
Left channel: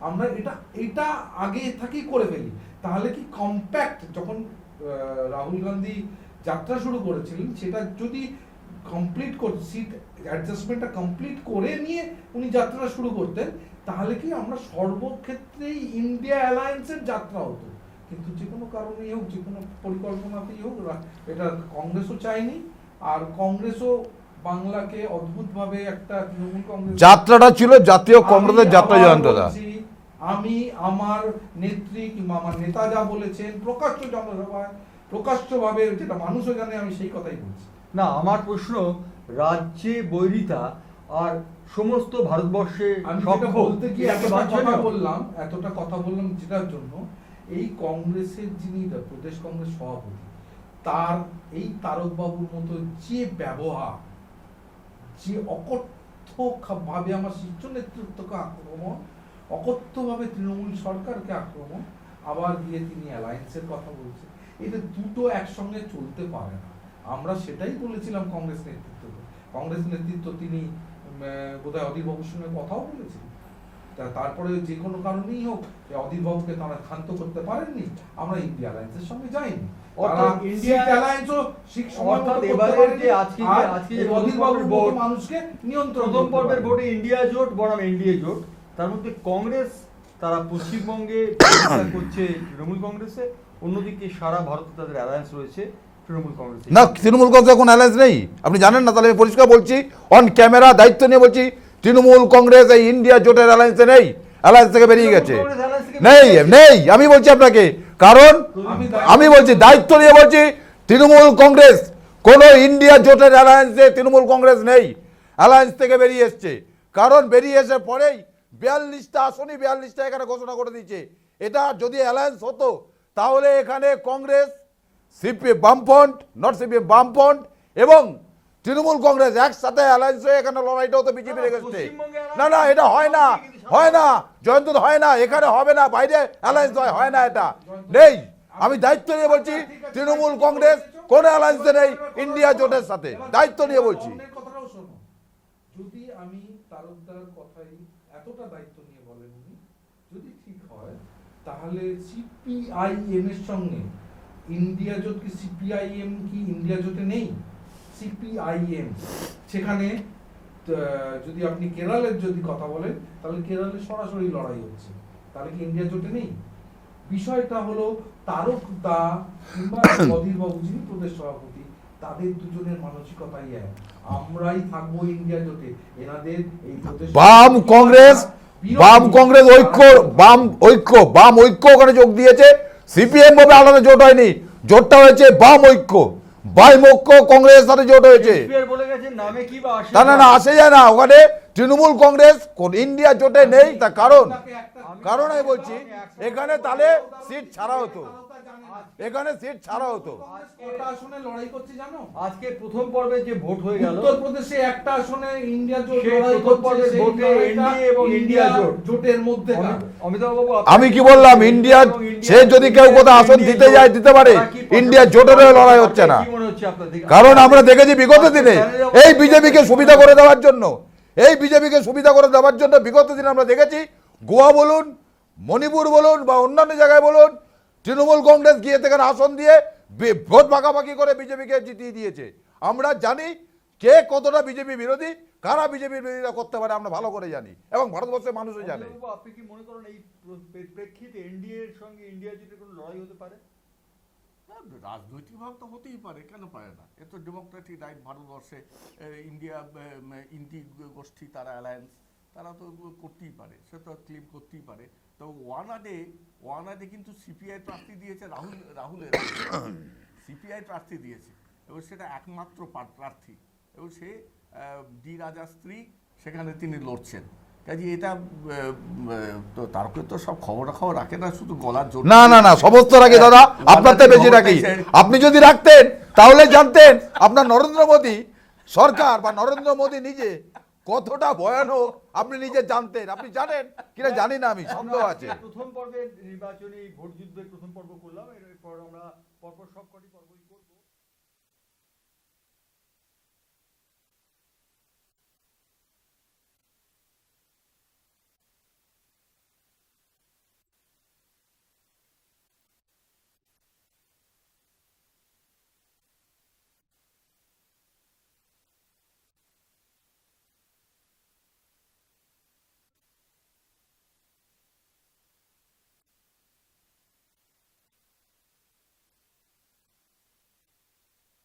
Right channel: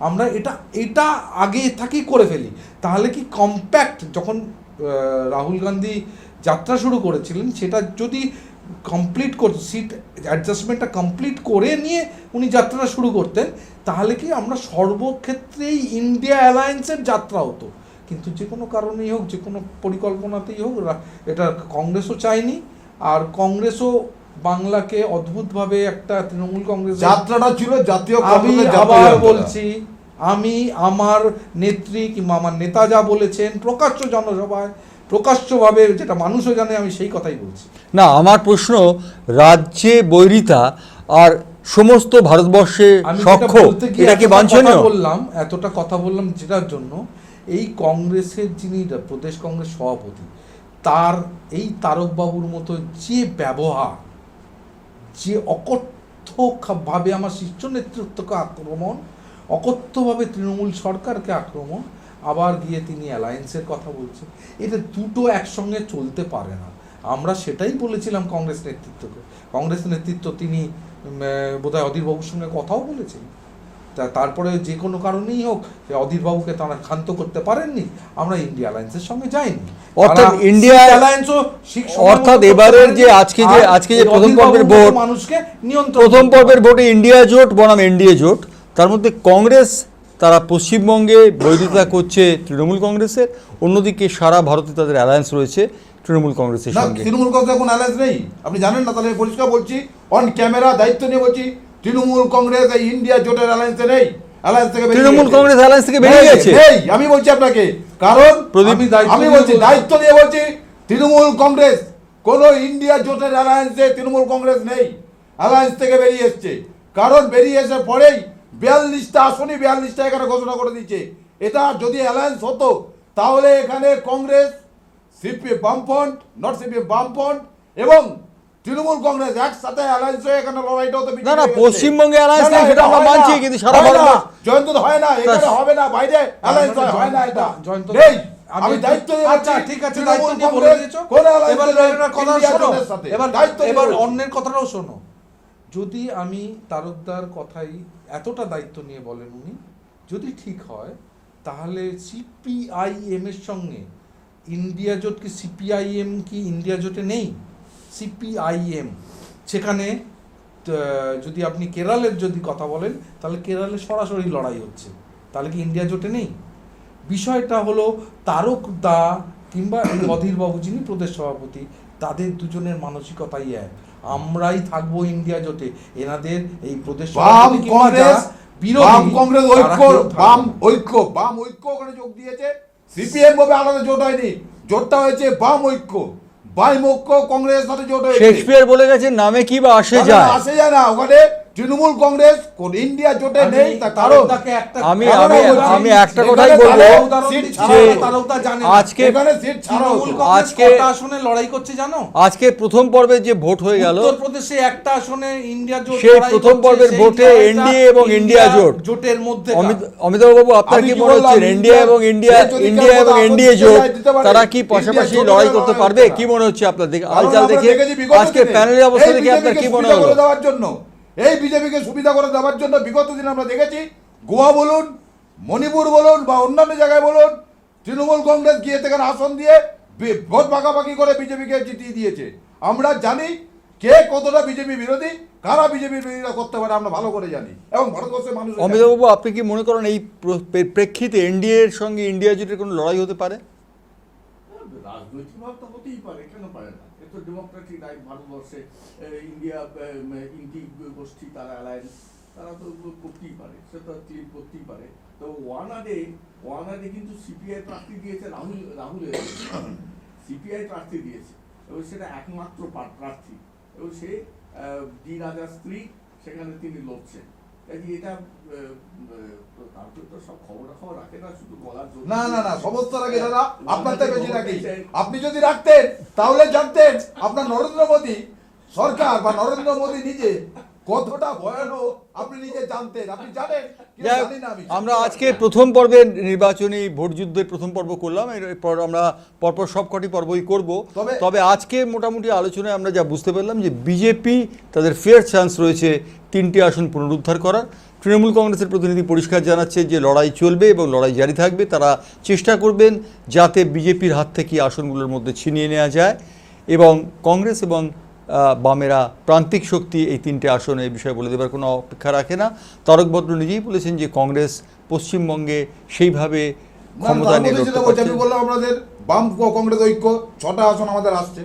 আমরা এটা আগে থাকেই করে ফেলি, তাহলে কি কম্প্যাক্ট যখন রাহুল গান্ধী যাত্রা শুরু করেছিলেন সেটা যদি কমপ্লিট করতে, সিট অ্যাডজাস্টমেন্টটা কমপ্লিট করে নিয়ে উনি যাত্রাটা শুরু করতেন, তাহলে কি আমরা সর্বক্ষেত্রেই ইন্ডিয়া অ্যালায়েন্সের যাত্রা হতো। কিন্তু যে কোনো কারণেই হোক, যে কোনো পরিকল্পনাতেই হোক, এটা কংগ্রেসও চায়নি, আর কংগ্রেসও বাংলাকে অদ্ভুতভাবে একটা তৃণমূল কংগ্রেস যাত্রাটা ছিল জাতীয় কংগ্রেসের যাত্রা। বলছি, আমি আমার নেত্রী কিংবা আমার নেতা যা বলেছেন প্রকাশ্য জনসভায় প্রকাশ্যভাবে, যেটা মানুষও জানে, আমি সেই কথাই বলছি। না, আমার প্রশ্ন, রাজ্যে বৈরিতা আর সমস্ত ভারতবর্ষে সখ্য, এটা কি বাঞ্ছনীয়? এতটা কথা বললাম যেটার জন্য, এই কংগ্রেসের যিনি প্রদেশ কংগ্রেস সভাপতি, তার এই তারকবাবুর মতো যে ব্যবহার, যে অকথ্যভাবে আমার শীর্ষ নেতৃত্বকে আক্রমণ, অকথ্যভাবে তৃণমূল সরকারকে আক্রমণ, আবার গিয়ে তিনি অ্যালায়েন্সের কথা বলছেন, এটা দুটো একসঙ্গে চলতে পারে না। আমরা সেটাই বলেছিলাম কংগ্রেস নেতৃত্বকে। কংগ্রেস নেতৃত্ব তিনি বোধহয় অধীরবাবুর সঙ্গে কথাও বলেছিলেন তারপরে যে কোনো কারণেই হোক যে অধীরবাবুকে তারা ক্ষান্ত করতে পারেননি, আমরা ইন্ডিয়া অ্যালায়েন্সের সঙ্গে যাইনি। অর্থাৎ তারা ইন্ডিয়া শিখ অ্যালায়েন্সও শিখ সময় অর্থাৎ মতো এবারের করতে যে পারেনি, আজকে যে আর প্রথম পর্বের অধীরবাবুর মতো ভোট, মানুষকে নিয়ন্ত্রণ প্রথম করতে পর্বের পারেনি। ভোটে ইন্ডিয়া জোট বনাম এনডিএ জোট, তার মধ্যে কংগ্রেস তারা পশ্চিমবঙ্গে বিরোধিতা করছে তৃণমূল কংগ্রেসের, অন্যদিকে সারা ভারতে তাদের অ্যালায়েন্স রয়েছে তৃণমূল কংগ্রেসের না, সঙ্গে। তৃণমূল কংগ্রেসের কোনো অ্যালায়েন্স নেই, আপনি জানেন না? তাহলে আমি পরিষ্কার বলছি, অন ক্যামেরা দায়িত্ব নিয়ে বলছি, তৃণমূল কংগ্রেস এই ইন্ডিয়া জোটের অ্যালায়েন্সে নেই, অ্যালায়েন্স থেকে বেরিয়ে তৃণমূল গেছে। কংগ্রেস অ্যালায়েন্স থেকে বেরিয়ে নেই, গেছে। নেই, আমি বলছি আপনাকে, কারণ আমি দায়িত্ব আমি নিয়ে বলছি বলছি। দায়িত্ব নিয়ে বলছি, তৃণমূল কংগ্রেস কোন ইন্ডিয়া জোটের অ্যালায়েন্সে তৃণমূল কংগ্রেস নেই, অ্যালায়েন্স থেকে বেরিয়ে এসছে। কারণ বেরিয়ে এসে পরেই 42টা আসনই 42টা এখানে ঘোষণা করে দিচ্ছে। এটা যদি অ্যালায়েন্স হতো তাহলে এখানে কংগ্রেস, সিপিএম বামফ্রন্ট, নট সিপিএম বামফ্রন্ট এবং তৃণমূল কংগ্রেস একসাথে অ্যালায়েন্স হয়ে এখানে লড়াইটা হতো। না, না, পশ্চিমবঙ্গে alliance না, নেই, সেটা আমরা হয় মানছি, না, কিন্তু সারা হয় না, ভারতবর্ষ- জয়ন্ত হয় না, এখানে হবে না, বাইরে অ্যালায়েন্স হয় না, এটা জয়ন্ত, নেই। আমি- আমি দায়িত্ব নিয়ে আচ্ছা, বলছি, ঠিক আছে, তৃণমূল দায়িত্ব নিয়ে বলে কংগ্রেস দিয়েছো। কোন alliance এবার নেই এবার কথা ইন্ডিয়া শোনো। জোটের সাথে। এবার দায়িত্ব নিয়ে এবার বলছি। অন্যের কথাটাও শোনো। যদি আমি তারকদার কথাই এতটা দায়িত্ব নিয়ে বলেন উনি, যদি ঠিক হয় তাহলে সিপিআইএম এর সঙ্গে ইন্ডিয়া জোট কি, সিপিআইএম কি ইন্ডিয়া জোটে নেই? সিপিআইএম সেখানে যদি আপনি কেরালের যদি কথা বলেন তাহলে কেরালে সরাসরি লড়াই হচ্ছে, তাহলে কি ইন্ডিয়া জোটে নেই? বিষয়টা হলো তারক দা কিংবা এই অধীরবাবু যিনি প্রদেশ সভাপতি, তাদের দুজনের মানসিকতাই এক, আমরাই থাকবো ইন্ডিয়া জোটে। এনাদের এই প্রদেশ বাম সভাপতি কিংবা কংগ্রেস, যারা বিরোধী, বাম কংগ্রেস তারা ঐক্য, কেউ থাকবে বাম না। ঐক্য, বাম ঐক্য ওখানে যোগ দিয়েছে। সিপিএম ভাবে আলাদা জোট হয়নি, জোটটা হয়েছে বাম ঐক্য, বাম ঐক্য কংগ্রেসের সাথে জোট হয়েছে। শেক্সপিয়ার বলে গেছে নামে কি বা আসে না, না, যায়। না, আসে যায় না, ওখানে তৃণমূল কংগ্রেস কোন ইন্ডিয়া জোটে নেই, তার কারণ আমি আমি একটা কথাই বলবো, আজকে আজকে লড়াই করছে জানো, আজকে প্রথম পর্বে যে ভোট হয়ে গেল, উত্তরপ্রদেশে একটা আসনে ইন্ডিয়া জোট সেই লড়াই প্রথম করছে, পর্বের সেই ভোটে লড়াইটা এনডিএ এবং ইন্ডিয়া জোট, জোটের মধ্যে অমিতাভ বাবু আমি কি বললাম, ইন্ডিয়া এবং ইন্ডিয়া সে যদি কেউ কোথাও আসন দিতে যায় দিতে পারে, তারা কি ইন্ডিয়া পাশাপাশি জোটের লড়াই করতে লড়াই পারবে? হচ্ছে না। কি মনে হচ্ছে আপনাদের? কারণ আপনারা আমরা দেখে- দেখেছি বিগত আজকে দিনে প্যানেলের অবস্থা এই দেখে বিজেপিকে আপনার কি সুবিধা মনে করে হলো? দেওয়ার জন্য, এই বিজেপিকে সুবিধা করে দেওয়ার জন্য বিগত দিনে আমরা দেখেছি গোয়া বলুন, মণিপুর বলুন বা অন্যান্য জায়গায় বলুন, তৃণমূল কংগ্রেস গিয়ে সেখানে আসন দিয়ে ভোট ভাগাভাগি করে বিজেপিকে জিতিয়ে দিয়েছে। আমরা জানি কে কতটা বিজেপি বিরোধী, কারা বিজেপি বিরোধিতা করতে পারে, আমরা ভালো করে জানি, এবং ভারতবর্ষের মানুষ জানে। অমিতাভ বাবু, আপনি কি মনে করেন এই প্রেক্ষিতে এনডিএ এর সঙ্গে ইন্ডিয়া জোটের কোনো লড়াই হতে পারে? রাজনৈতিক ভাব তো হতেই পারে, কেন পারে না? এ তো ডেমোক্রেটিক রাইট ভারতবর্ষে। ইন্ডিয়া ইন্ডি গোষ্ঠী তারা অ্যালায়েন্স, তারা তো করতেই পারে, সে তো ক্লিপ করতেই পারে। তো ওয়ানাডে কিন্তু সিপিআই প্রার্থী দিয়েছে, রাহুলের সিপিআই প্রার্থী দিয়েছে, এবং সেটা একমাত্র প্রার্থী, এবং সে ডি রাজার স্ত্রী, সেখানে তিনি লড়ছেন। কাজে এটা তো তারপরে তো সব খবর রাখে না, শুধু গলার জোর। না, না, না, সমস্ত রাখি দাদা, আপনার থেকে বেশি রাখি। আপনি যদি রাখতেন তাহলে জানতেন আপনার নরেন্দ্র মোদী সরকার বা নরেন্দ্র মোদী নিজে কতটা ভয়ানক আপনি নিজে জানতেন। আপনি জানেন কিনা জানি না আমি। আমরা আজকে প্রথম পর্বের নির্বাচনী ভোট যুদ্ধের প্রথম পর্ব করলাম, এরপর আমরা পরপর সবকটি পর্বই করব। তবে আজকে মোটামুটি আলোচনায় আমরা যা বুঝতে পারলাম যে বিজেপি তাদের ফেয়ার চান্স রয়েছে 3টি আসন পুনরুদ্ধার করার। তৃণমূল কংগ্রেসের প্রতিনিধি পরিষ্কার জানাচ্ছে যে লড়াই চলবে এবং লড়াই জারি থাকবে, তারা চেষ্টা করবেন যাতে বিজেপির হাত থেকে আসনগুলোর মধ্যে ছিনিয়ে নেওয়া যায়, এবং কংগ্রেস এবং বামেরা প্রান্তিক শক্তি এই 3টে আসনে এই বিষয়ে বলে দেবার কোনো অপেক্ষা রাখে না। তারক ভদ্র নিজেই বলেছেন যে কংগ্রেস পশ্চিমবঙ্গে সেইভাবে ক্ষমতা নিয়ে লড়তে পারছে। আমি বললাম আমাদের বাম কংগ্রেস ঐক্য 6টা আসন আমাদের আসছে,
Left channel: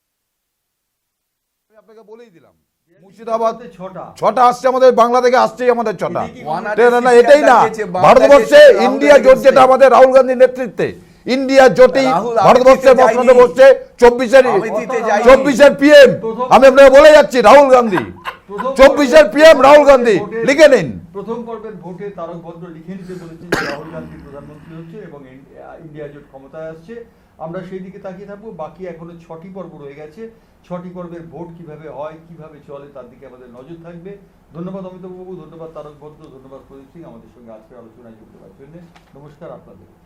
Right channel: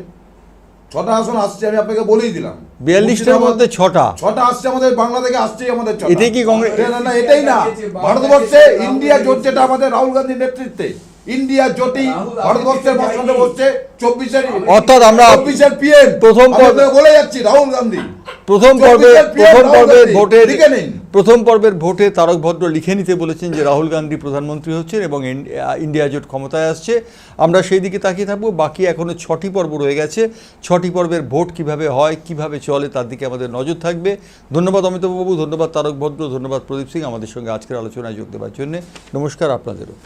6টা আসন আসছে, আমি আপনাকে বলেই দিলাম। 42টার মধ্যে 6টা আসছে আমাদের বাংলা থেকে, আসছেই আমাদের 6টা। এটাই কি কংগ্রেস? না, এটাই না, ভারতবর্ষে ইন্ডিয়া জোট যেটা আমাদের রাহুল গান্ধীর নেতৃত্বে ইন্ডিয়া জোটেই ভারতবর্ষের বর্তমানে বসছে 24-এর, অর্থাৎ আমরা 24-এর পিএম প্রথম বলে যাচ্ছি রাহুল গান্ধী। প্রথম 24-এর PM রাহুল গান্ধী, ভোটে লিখে নিন। প্রথম পর্বের ভোটে তারক ভদ্র লিখে নিতে বলেছেন যে রাহুল গান্ধী প্রধানমন্ত্রী হচ্ছেন এবং ইন্ডিয়া জোট ক্ষমতায় আসছে। আমরা সেই দিকে তাকিয়ে থাকবো। বাকি এখনো 6টি পর্ব রয়ে গেছে। 6টি পর্বের ভোট কিভাবে হয়, কিভাবে চলে, তার দিকে আমাদের নজর থাকবে। ধন্যবাদ অমিতাভ বাবু, ধন্যবাদ তারক ভদ্র, ধন্যবাদ প্রদীপ সিং আমাদের সঙ্গে আজকের আলোচনায় যোগ দেওয়ার জন্য। নমস্কার আপনাদেরও।